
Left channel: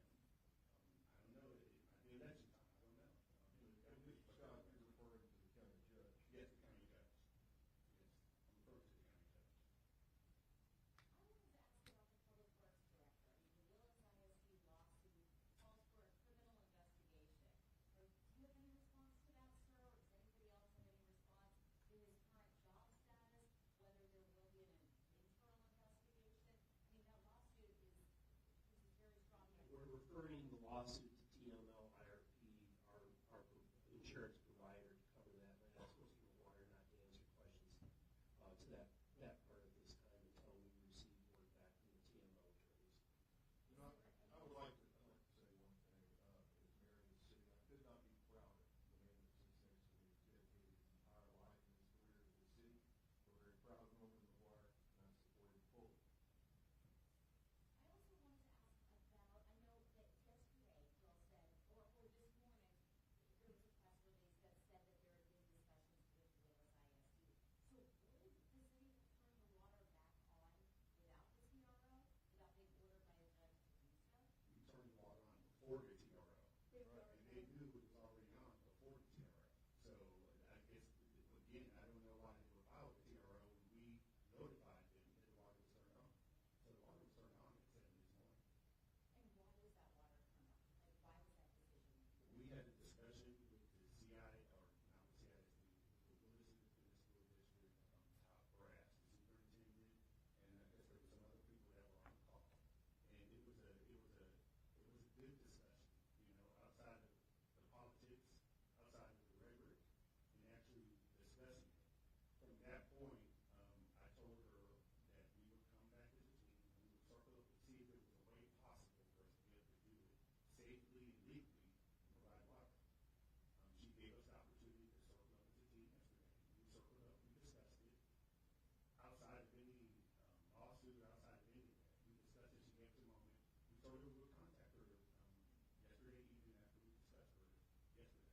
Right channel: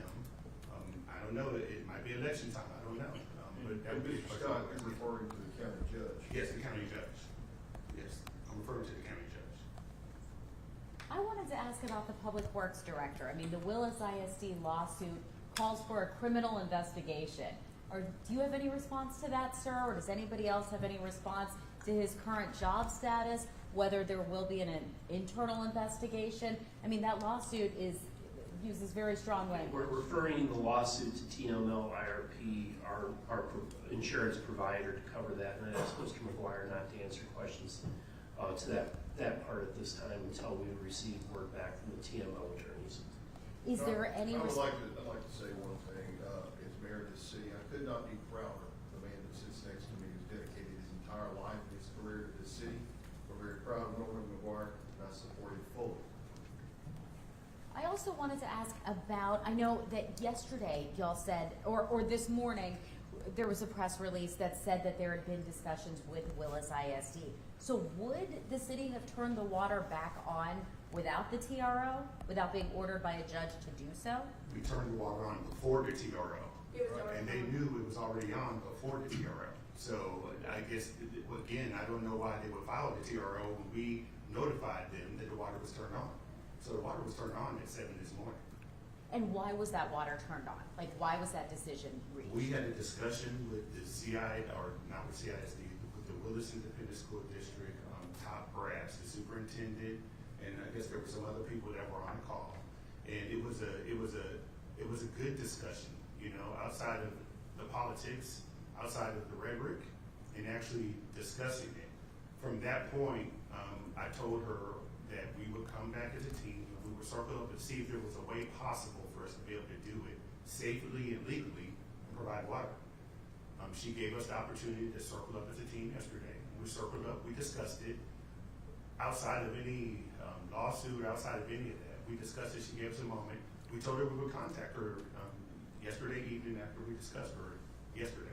I don't know. It might be election time. I don't know. But that would be a question. Scott, you're referring to the county judge. Yes, the county judge. Yes, I'm referring to the county judge. I wanted to ask about the Public Works Director. I mean, the Willis ISD lawsuit calls for a criminal investigation. Do you have any response to that, sir? Or does anybody else have any response to his current job status, whether there will be an internal investigation? I mean, that lawsuit uses very strong language. We're referring the lawsuit to TML IRP, our insurance provider, to cover that, and I asked Mr. McGuire not to answer questions to that part at this time until we receive word back from the TML attorneys. Is there any I'd like to say one thing. As mayor of this city, I could not be prouder. The man that sits next to me has dedicated his entire life and his career to this city. We're very proud of Norman McGuire, and I support him fully. I also wanted to ask about, I know that yesterday y'all said, or this morning, there was a press release that said that there had been discussions with Willis ISD. So would the city have turned the water back on without the TRO, without being ordered by a judge to do so? We turned the water on before the TRO. It was already And they knew it was already on before the TRO. So I guess, again, I don't know why they would file the TRO when we notified them that the water was turned on. So the water was turned on at 7 this morning. And why was that water turned on? Like, why was that decision reached? We had a discussion with the not with CISD, with the Willis Independent School District, top brass, the superintendent, and I guess there were some other people that were on call. And it was a good discussion, outside of the politics, outside of the rhetoric, and actually discussing it. From that point, I told her that we would come back as a team and we would circle up and see if there was a way possible for us to be able to do it safely and legally and provide water. She gave us the opportunity to circle up as a team yesterday. We circled up, we discussed it. Outside of any lawsuit, outside of any of that, we discussed it. She gave us a moment. We told her we would contact her yesterday evening after we discussed her yesterday.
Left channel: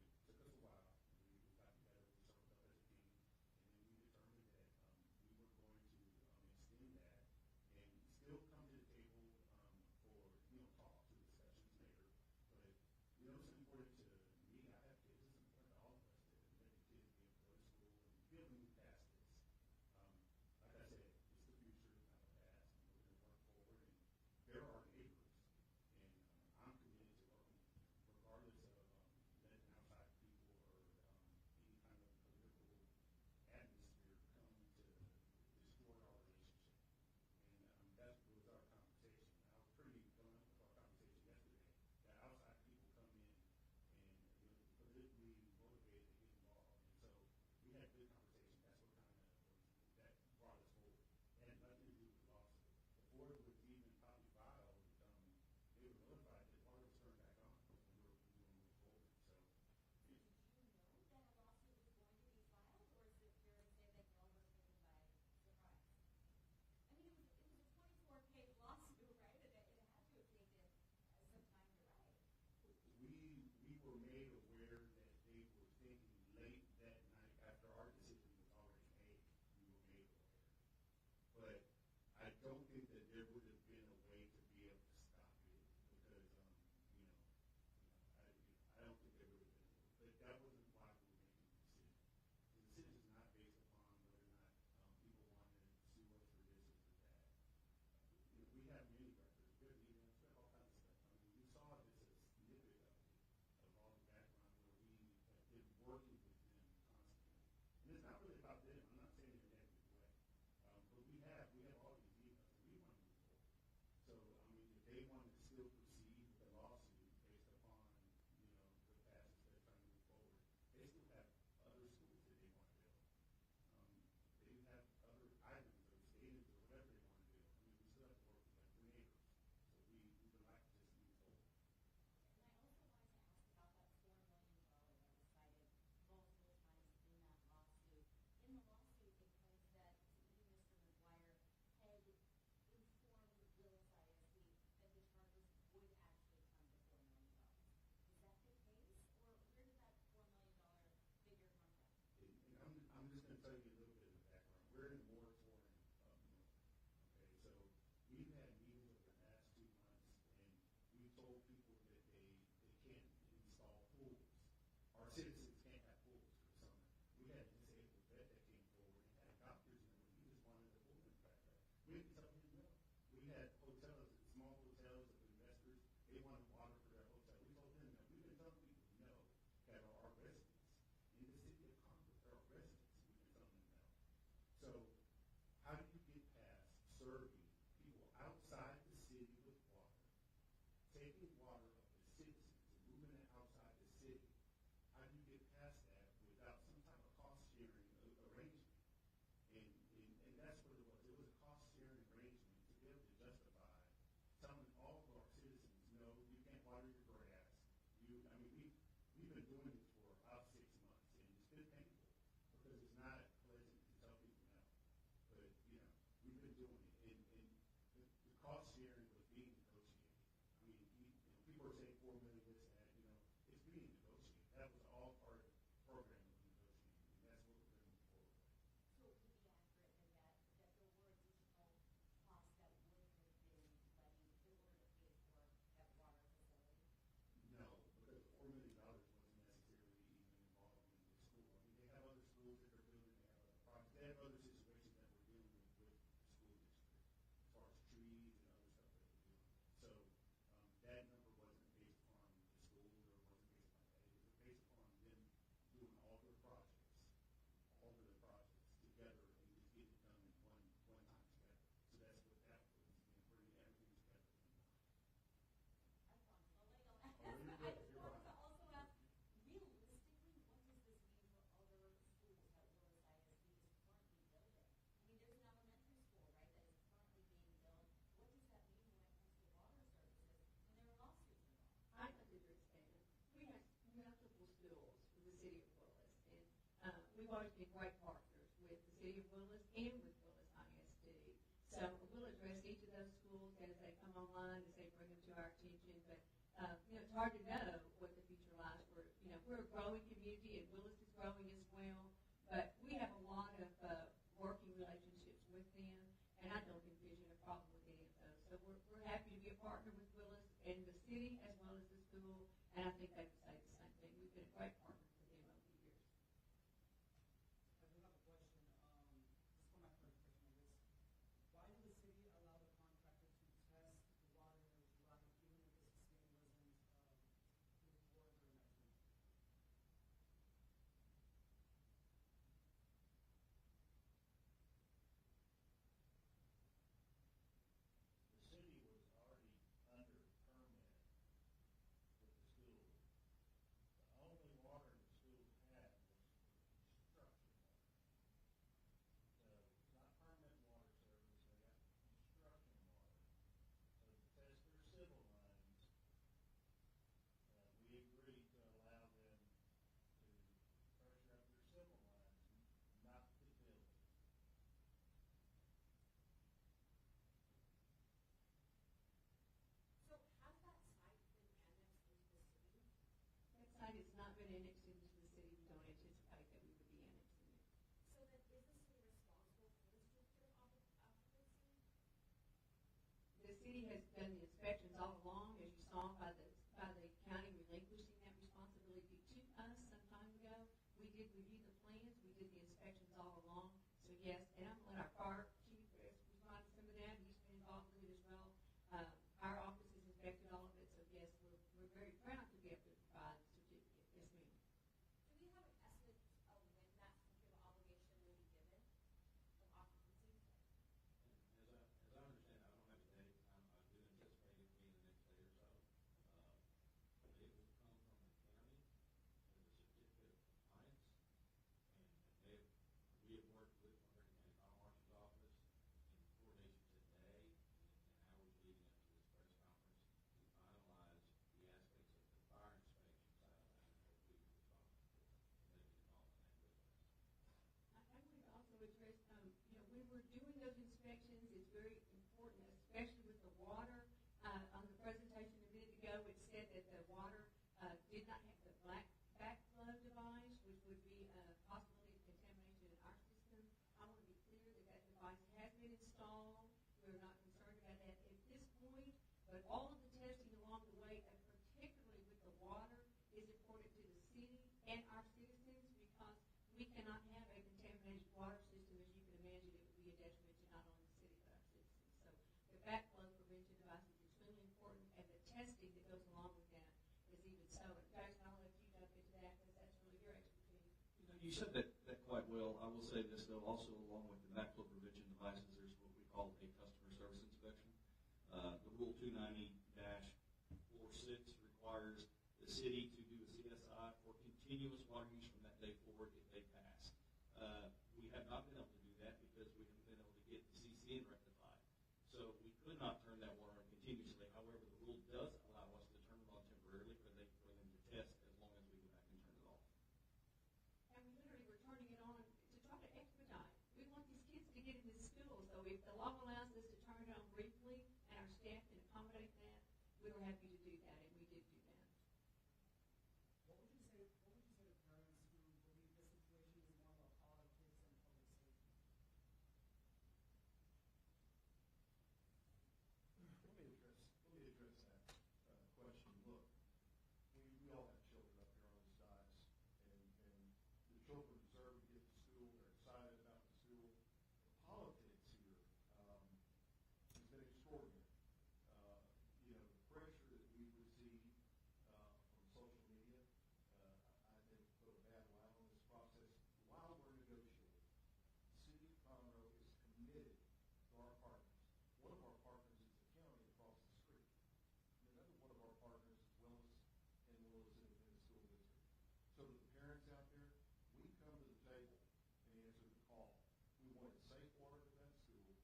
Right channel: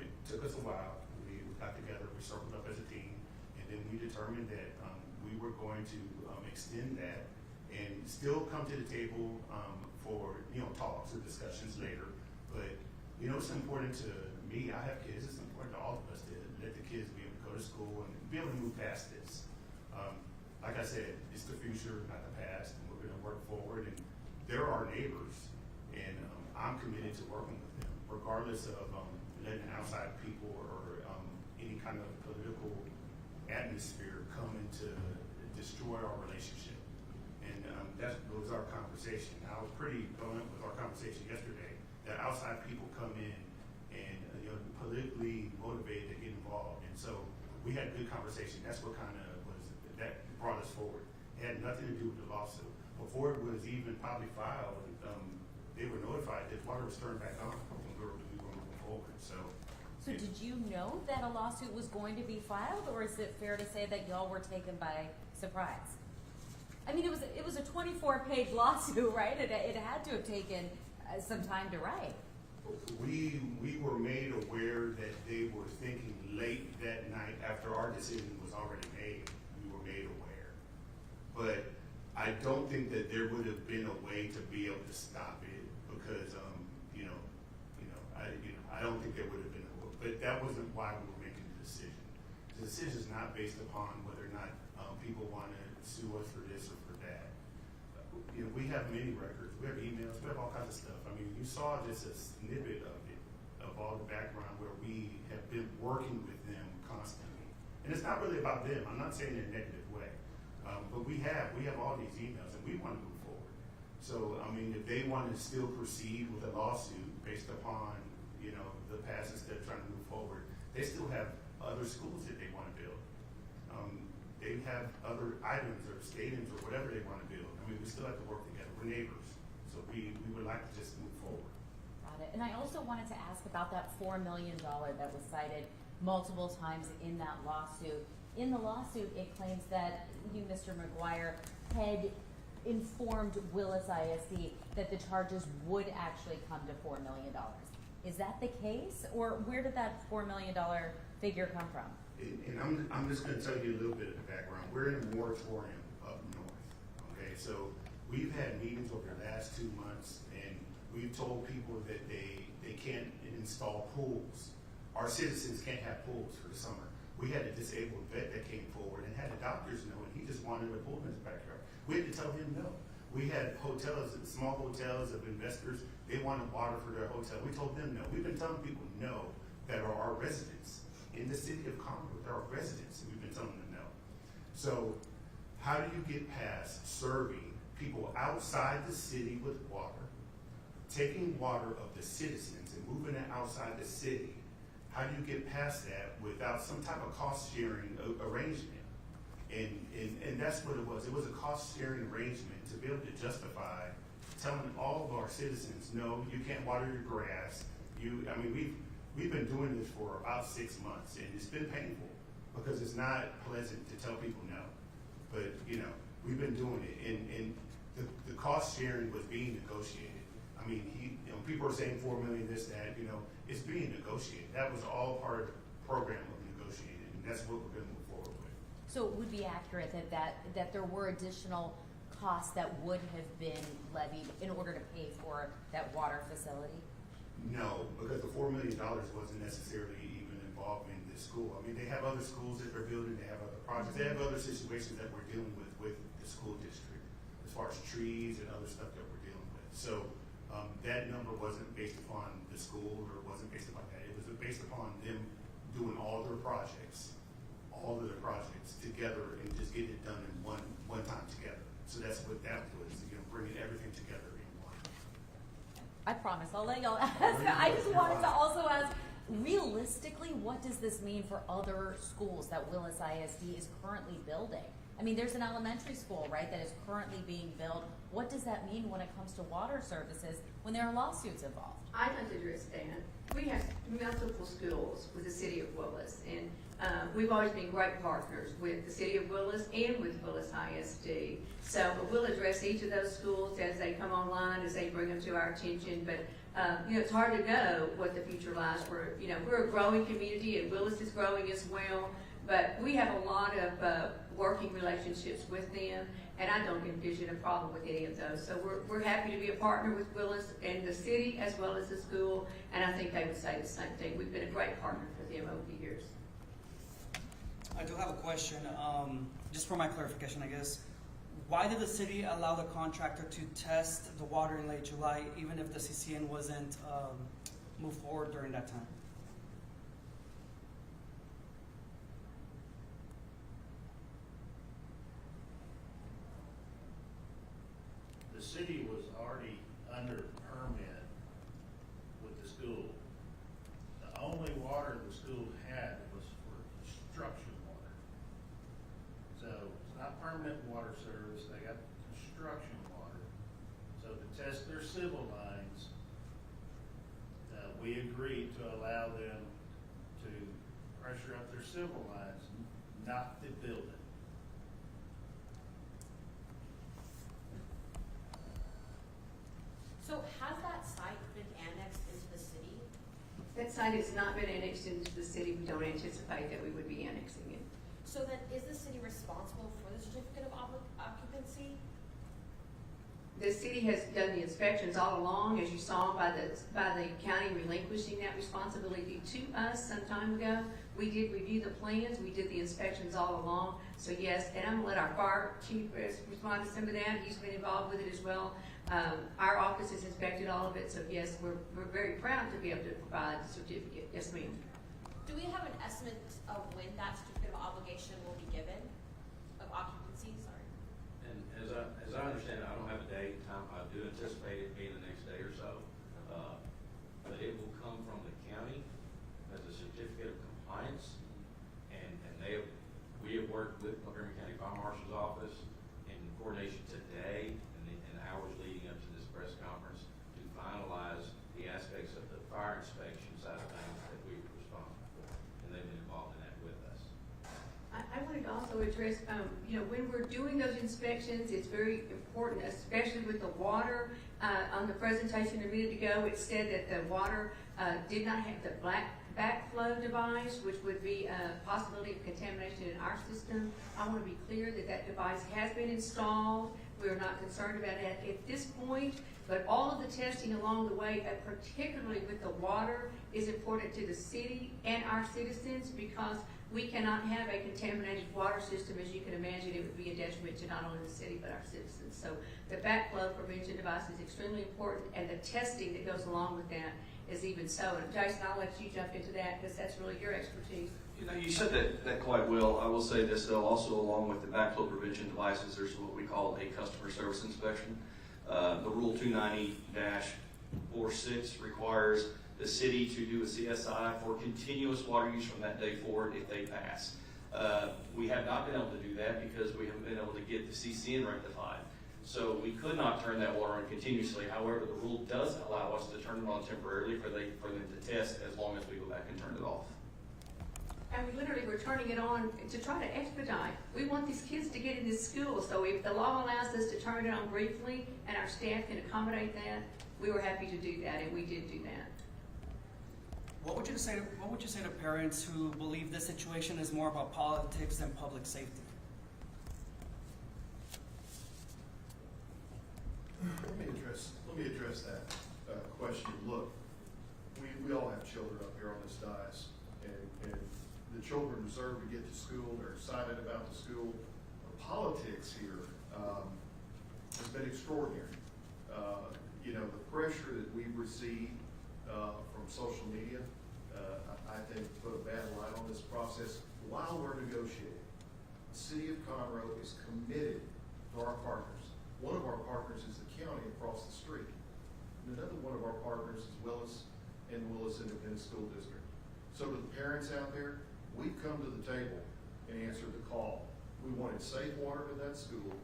It took us a while. We got together, we circled up as a team, and then we determined that we were going to extend that and still come to the table for talks or discussions later. But it's important to me. I have kids. It's important to all of us to let the kids be able to go to school and be able to move past this. Like I said, it's the future, not the past, and we're going to work forward. And they're our neighbors, and I'm committed to working with them, regardless of letting outside people or any kind of political atmosphere come in to destroy our relationship. And that was our conversation. I was pretty blunt with our conversation yesterday that outside people come in and politically motivated to get involved. And so we had a good conversation. That's what that brought us forward. It had nothing to do with the lawsuit. Before it was even probably filed, they were notified that water was turned back on when we were moving forward. So did you know that a lawsuit was going to be filed, or is it fair to say that y'all were taken by surprise? I mean, it was a 24-page lawsuit, right? It had to have taken some time to write. We were made aware that they were thinking late that night after our decision was already made. We were made aware, but I don't think that there would have been a way to be able to stop it because I don't think there would have been. But that wasn't why we were making the decision. The decision is not based upon whether or not people want to sue us for this or for that. We have many records. We have emails. We have all kinds of stuff. I mean, you saw just a snippet of it, of all the background where we have been working with them constantly. And it's not really about them. I'm not saying in a negative way. But we have all these emails, and we want to move forward. So, I mean, if they want to still proceed with a lawsuit based upon, the past instead of trying to move forward, they still have other schools that they want to build. They have other items or state still have to work together. We're neighbors, so we would like to just move forward. Got it. And I also wanted to ask about that $4 million that was cited multiple times in that lawsuit. In the lawsuit, it claims that you, Mr. McGuire, had informed Willis ISD that the charges would actually come to $4 million. Is that the case, or where did that $4 million figure come from? And I'm just gonna tell you a little bit of the background. We're in a moratorium up north, okay? So we've had meetings over the last 2 months, and we've told people that they can't install pools. Our citizens can't have pools for the summer. We had a disabled vet that came forward and had the doctors know, and he just wanted a pool in his backyard. We had to tell him no. We had hotels, small hotels of investors, they wanted water for their hotel. We told them no. We've been telling people no that are our residents. In the city of Conroe, there are residents, and we've been telling them no. So how do you get past serving people outside the city with water, taking water of the citizens and moving it outside the city? How do you get past that without some type of cost-sharing arrangement? And that's what it was. It was a cost-sharing arrangement to be able to justify telling all of our citizens, no, you can't water your grass. We've been doing this for about 6 months, and it's been painful because it's not pleasant to tell people no. But, we've been doing it, and the cost sharing was being negotiated. I mean, people are saying $4 million, this, that, it's being negotiated. That was all part of the program of negotiating, and that's what we're gonna move forward with. So it would be accurate that there were additional costs that would have been levied in order to pay for that water facility? No, because the $4 million wasn't necessarily even involving this school. I mean, they have other schools that they're building, they have other projects, they have other situations that we're dealing with the school district, as far as trees and other stuff that we're dealing with. So that number wasn't based upon the school, or it wasn't based upon that. It was based upon them doing all of their projects together and just getting it done in one time together. So that's what that was, bringing everything together in one. I promise, I'll let y'all ask. I just wanted to also ask, realistically, what does this mean for other schools that Willis ISD is currently building? I mean, there's an elementary school, right, that is currently being built. What does that mean when it comes to water services when there are lawsuits involved? I'd like to address that. We have multiple schools with the city of Willis, and we've always been great partners with the city of Willis and with Willis ISD. So we'll address each of those schools as they come online, as they bring them to our attention. But it's hard to know what the future lies. We're a growing community, and Willis is growing as well. But we have a lot of working relationships with them, and I don't envision a problem with any of those. So we're happy to be a partner with Willis and the city as well as the school, and I think they would say the same thing. We've been a great partner for them over the years. I do have a question, just for my clarification, I guess. Why did the city allow the contractor to test the water in late July, even if the CCN wasn't moved forward during that time? The city was already under permit with the school. The only water the school had was for construction water. So it's not permanent water service, they got construction water. So to test their civil lines, we agreed to allow them to pressure up their civil lines, not the building. So has that site been annexed into the city? That site has not been annexed into the city. We don't anticipate that we would be annexing it. So then is the city responsible for the certificate of occupancy? The city has done the inspections all along, as you saw by the county relinquishing that responsibility to us some time ago. We did review the plans, we did the inspections all along. So yes, and I'm gonna let our fire chief respond to some of that. He's been involved with it as well. Our office has inspected all of it, so yes, we're very proud to be able to provide the certificate. Yes, ma'am. Do we have an estimate of when that certificate of obligation will be given, of occupancy, sorry? And as I understand it, I don't have a date, time, I do anticipate it being the next day or so. But it will come from the county as a certificate of compliance. And we have worked with Montgomery County Fire Marshal's office in coordination today, and address, when we're doing those inspections, it's very important, especially with the water. On the presentation a minute ago, it said that the water did not have the backflow device, which would be a possibility of contamination in our system. I want to be clear that that device has been installed. We are not concerned about that at this point, but all of the testing along the way, particularly with the water, is important to the city and our citizens because we cannot have a contaminated water system. As you can imagine, it would be a detriment to not only the city but our citizens. So the backflow prevention device is extremely important, and the testing that goes along with that is even so. And Jason, I'll let you jump into that because that's really your expertise. You know, you said that quite well. I will say this though, also along with the backflow prevention devices, there's what we call a customer service inspection. The Rule 290-46 requires the city to do a CSI for continuous water use from that day forward if they pass. We have not been able to do that because we haven't been able to get the CCN rectified. So we could not turn that water on continuously. However, the rule does allow us to turn it on temporarily for them to test as long as we go back and turn it off. And we literally were turning it on to try to expedite. We want these kids to get into school, so if the law allows us to turn it on briefly and our staff can accommodate that, we were happy to do that, and we did do that. What would you say to parents who believe this situation is more about politics than public safety? Let me address that question. Look, we all have children up here on this dais, and the children deserve to get to school. They're excited about the school. The politics here has been extraordinary. The pressure that we've received from social media, I think, put a bad light on this process while we're negotiating. The city of Conroe is committed to our partners. One of our partners is the county across the street. And another one of our partners is Willis Independent School District. So to the parents out there, we've come to the table and answered the call. We wanted safe water to that school,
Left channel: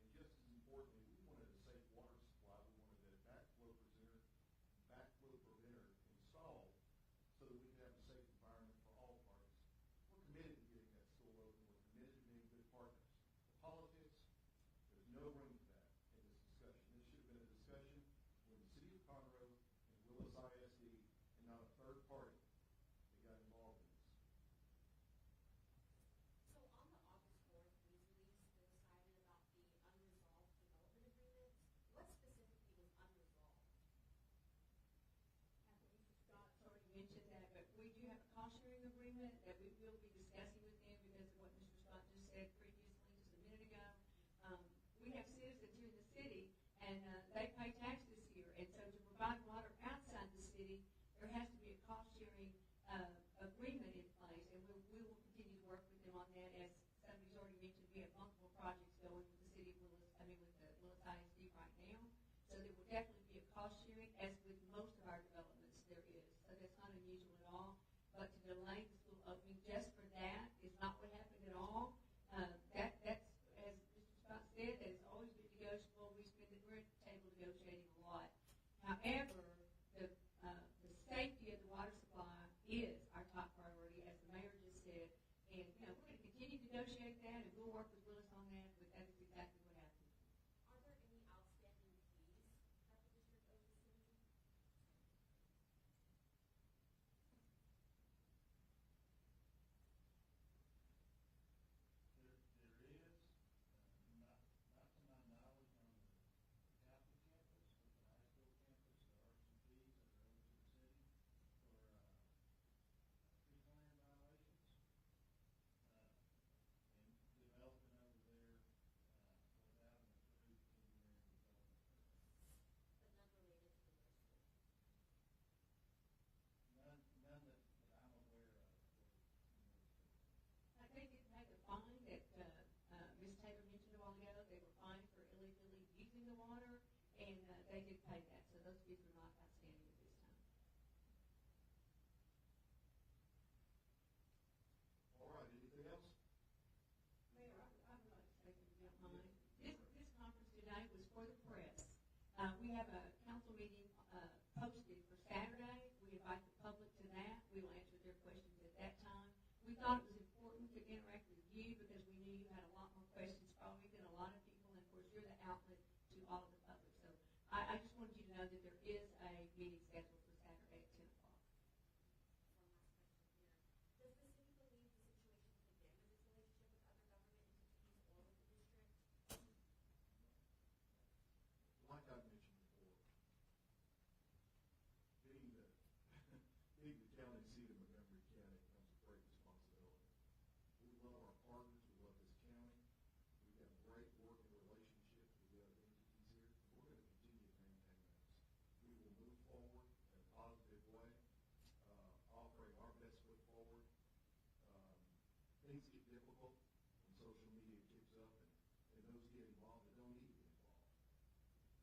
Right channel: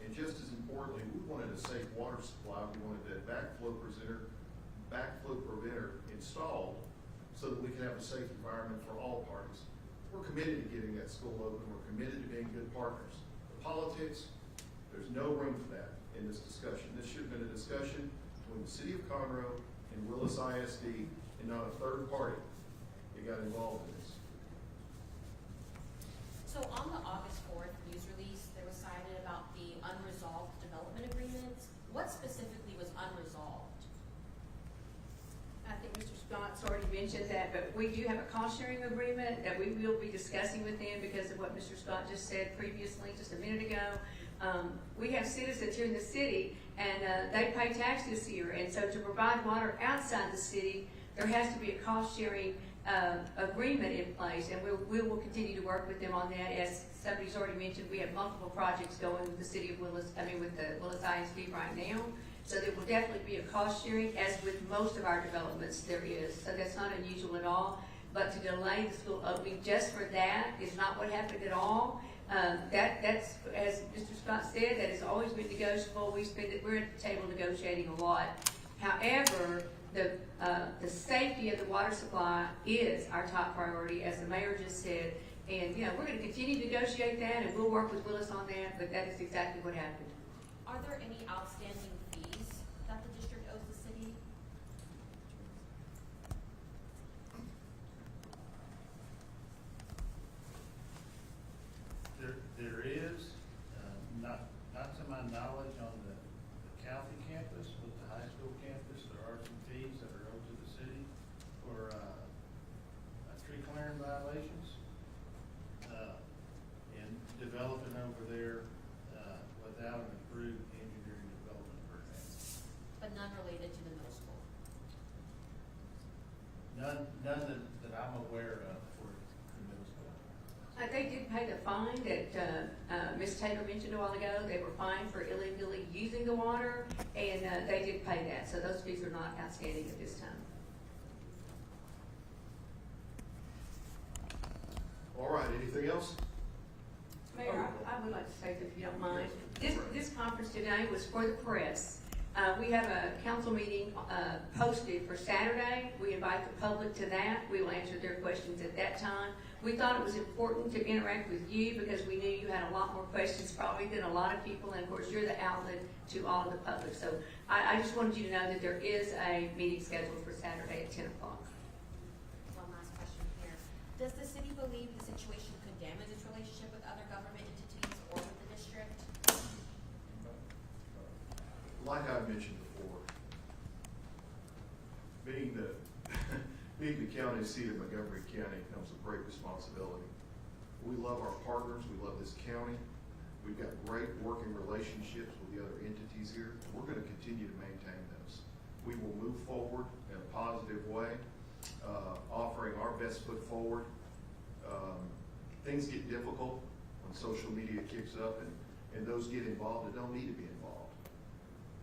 and just as importantly, we wanted a safe water supply. We wanted that backflow preventer installed so that we can have a safe environment for all parties. We're committed to getting that school open. We're committed to being good partners. The politics, there's no room for that in this discussion. This should have been a discussion between the city of Conroe and Willis ISD and not a third party that got involved in this. So on the August 4th news release, there was cited about the unresolved development agreements. What specifically was unresolved? I think Mr. Scott's already mentioned that, but we do have a cost-sharing agreement that we will be discussing with them because of what Mr. Scott just said previously, just a minute ago. We have citizens here in the city, and they pay taxes here, and so to provide water outside the city, there has to be a cost-sharing agreement in place, and we will continue to work with them on that. As somebody's already mentioned, we have multiple projects going with the city of Willis, with the Willis ISD right now. So there will definitely be a cost sharing, as with most of our developments there is. So that's not unusual at all. But to delay the school opening just for that is not what happened at all. That's, as Mr. Scott said, that has always been negotiable. We're at the table negotiating a lot. However, the safety of the water supply is our top priority, as the mayor just said. And, we're going to continue to negotiate that, and we'll work with Willis on that, but that is exactly what happened. Are there any outstanding fees that the district owes the city? There is, not to my knowledge on the Calfee campus, but the high school campus, there are some fees that are owed to the city for, tree clearing violations. And developing over there, without an approved engineering development permit. But none related to the middle school? None that I'm aware of for the middle school. They did pay the fine that Ms. Taylor mentioned a while ago. They were fined for illegally using the water, and they did pay that. So those fees are not outstanding at this time. All right, anything else? Mayor, I would like to say, if you don't mind, this conference today was for the press. We have a council meeting posted for Saturday. We invite the public to that. We will answer their questions at that time. We thought it was important to interact with you because we knew you had a lot more questions probably than a lot of people, and of course, you're the outlet to all of the public. So I just wanted you to know that there is a meeting scheduled for Saturday at 10 o'clock. One last question here. Does the city believe the situation could damage its relationship with other government entities or with the district? Like I mentioned before, being the, being the county seat of Montgomery County comes with great responsibility. We love our partners, we love this county, we've got great working relationships with the other entities here, and we're gonna continue to maintain those. We will move forward in a positive way, offering our best foot forward. Things get difficult when social media kicks up and those get involved that don't need to be involved.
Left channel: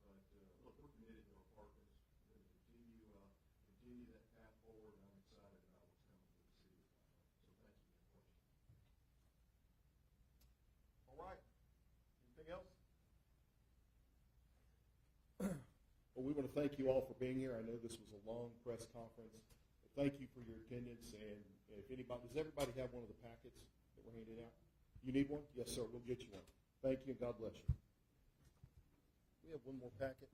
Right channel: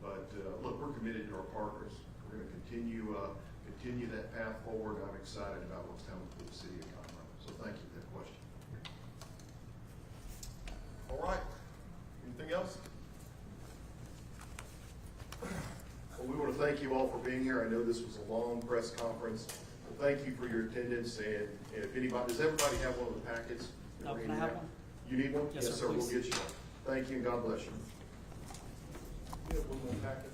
But, look, we're committed to our partners. We're gonna continue that path forward. I'm excited about what's coming for the city of Conroe. So thank you for that question. All right, anything else? Well, we want to thank you all for being here. I know this was a long press conference. But thank you for your attendance, and if anybody, does everybody have one of the packets? No, can I have one? You need one? Yes, sir, We'll please. get you one. Thank you, and God bless you. You have one more packet?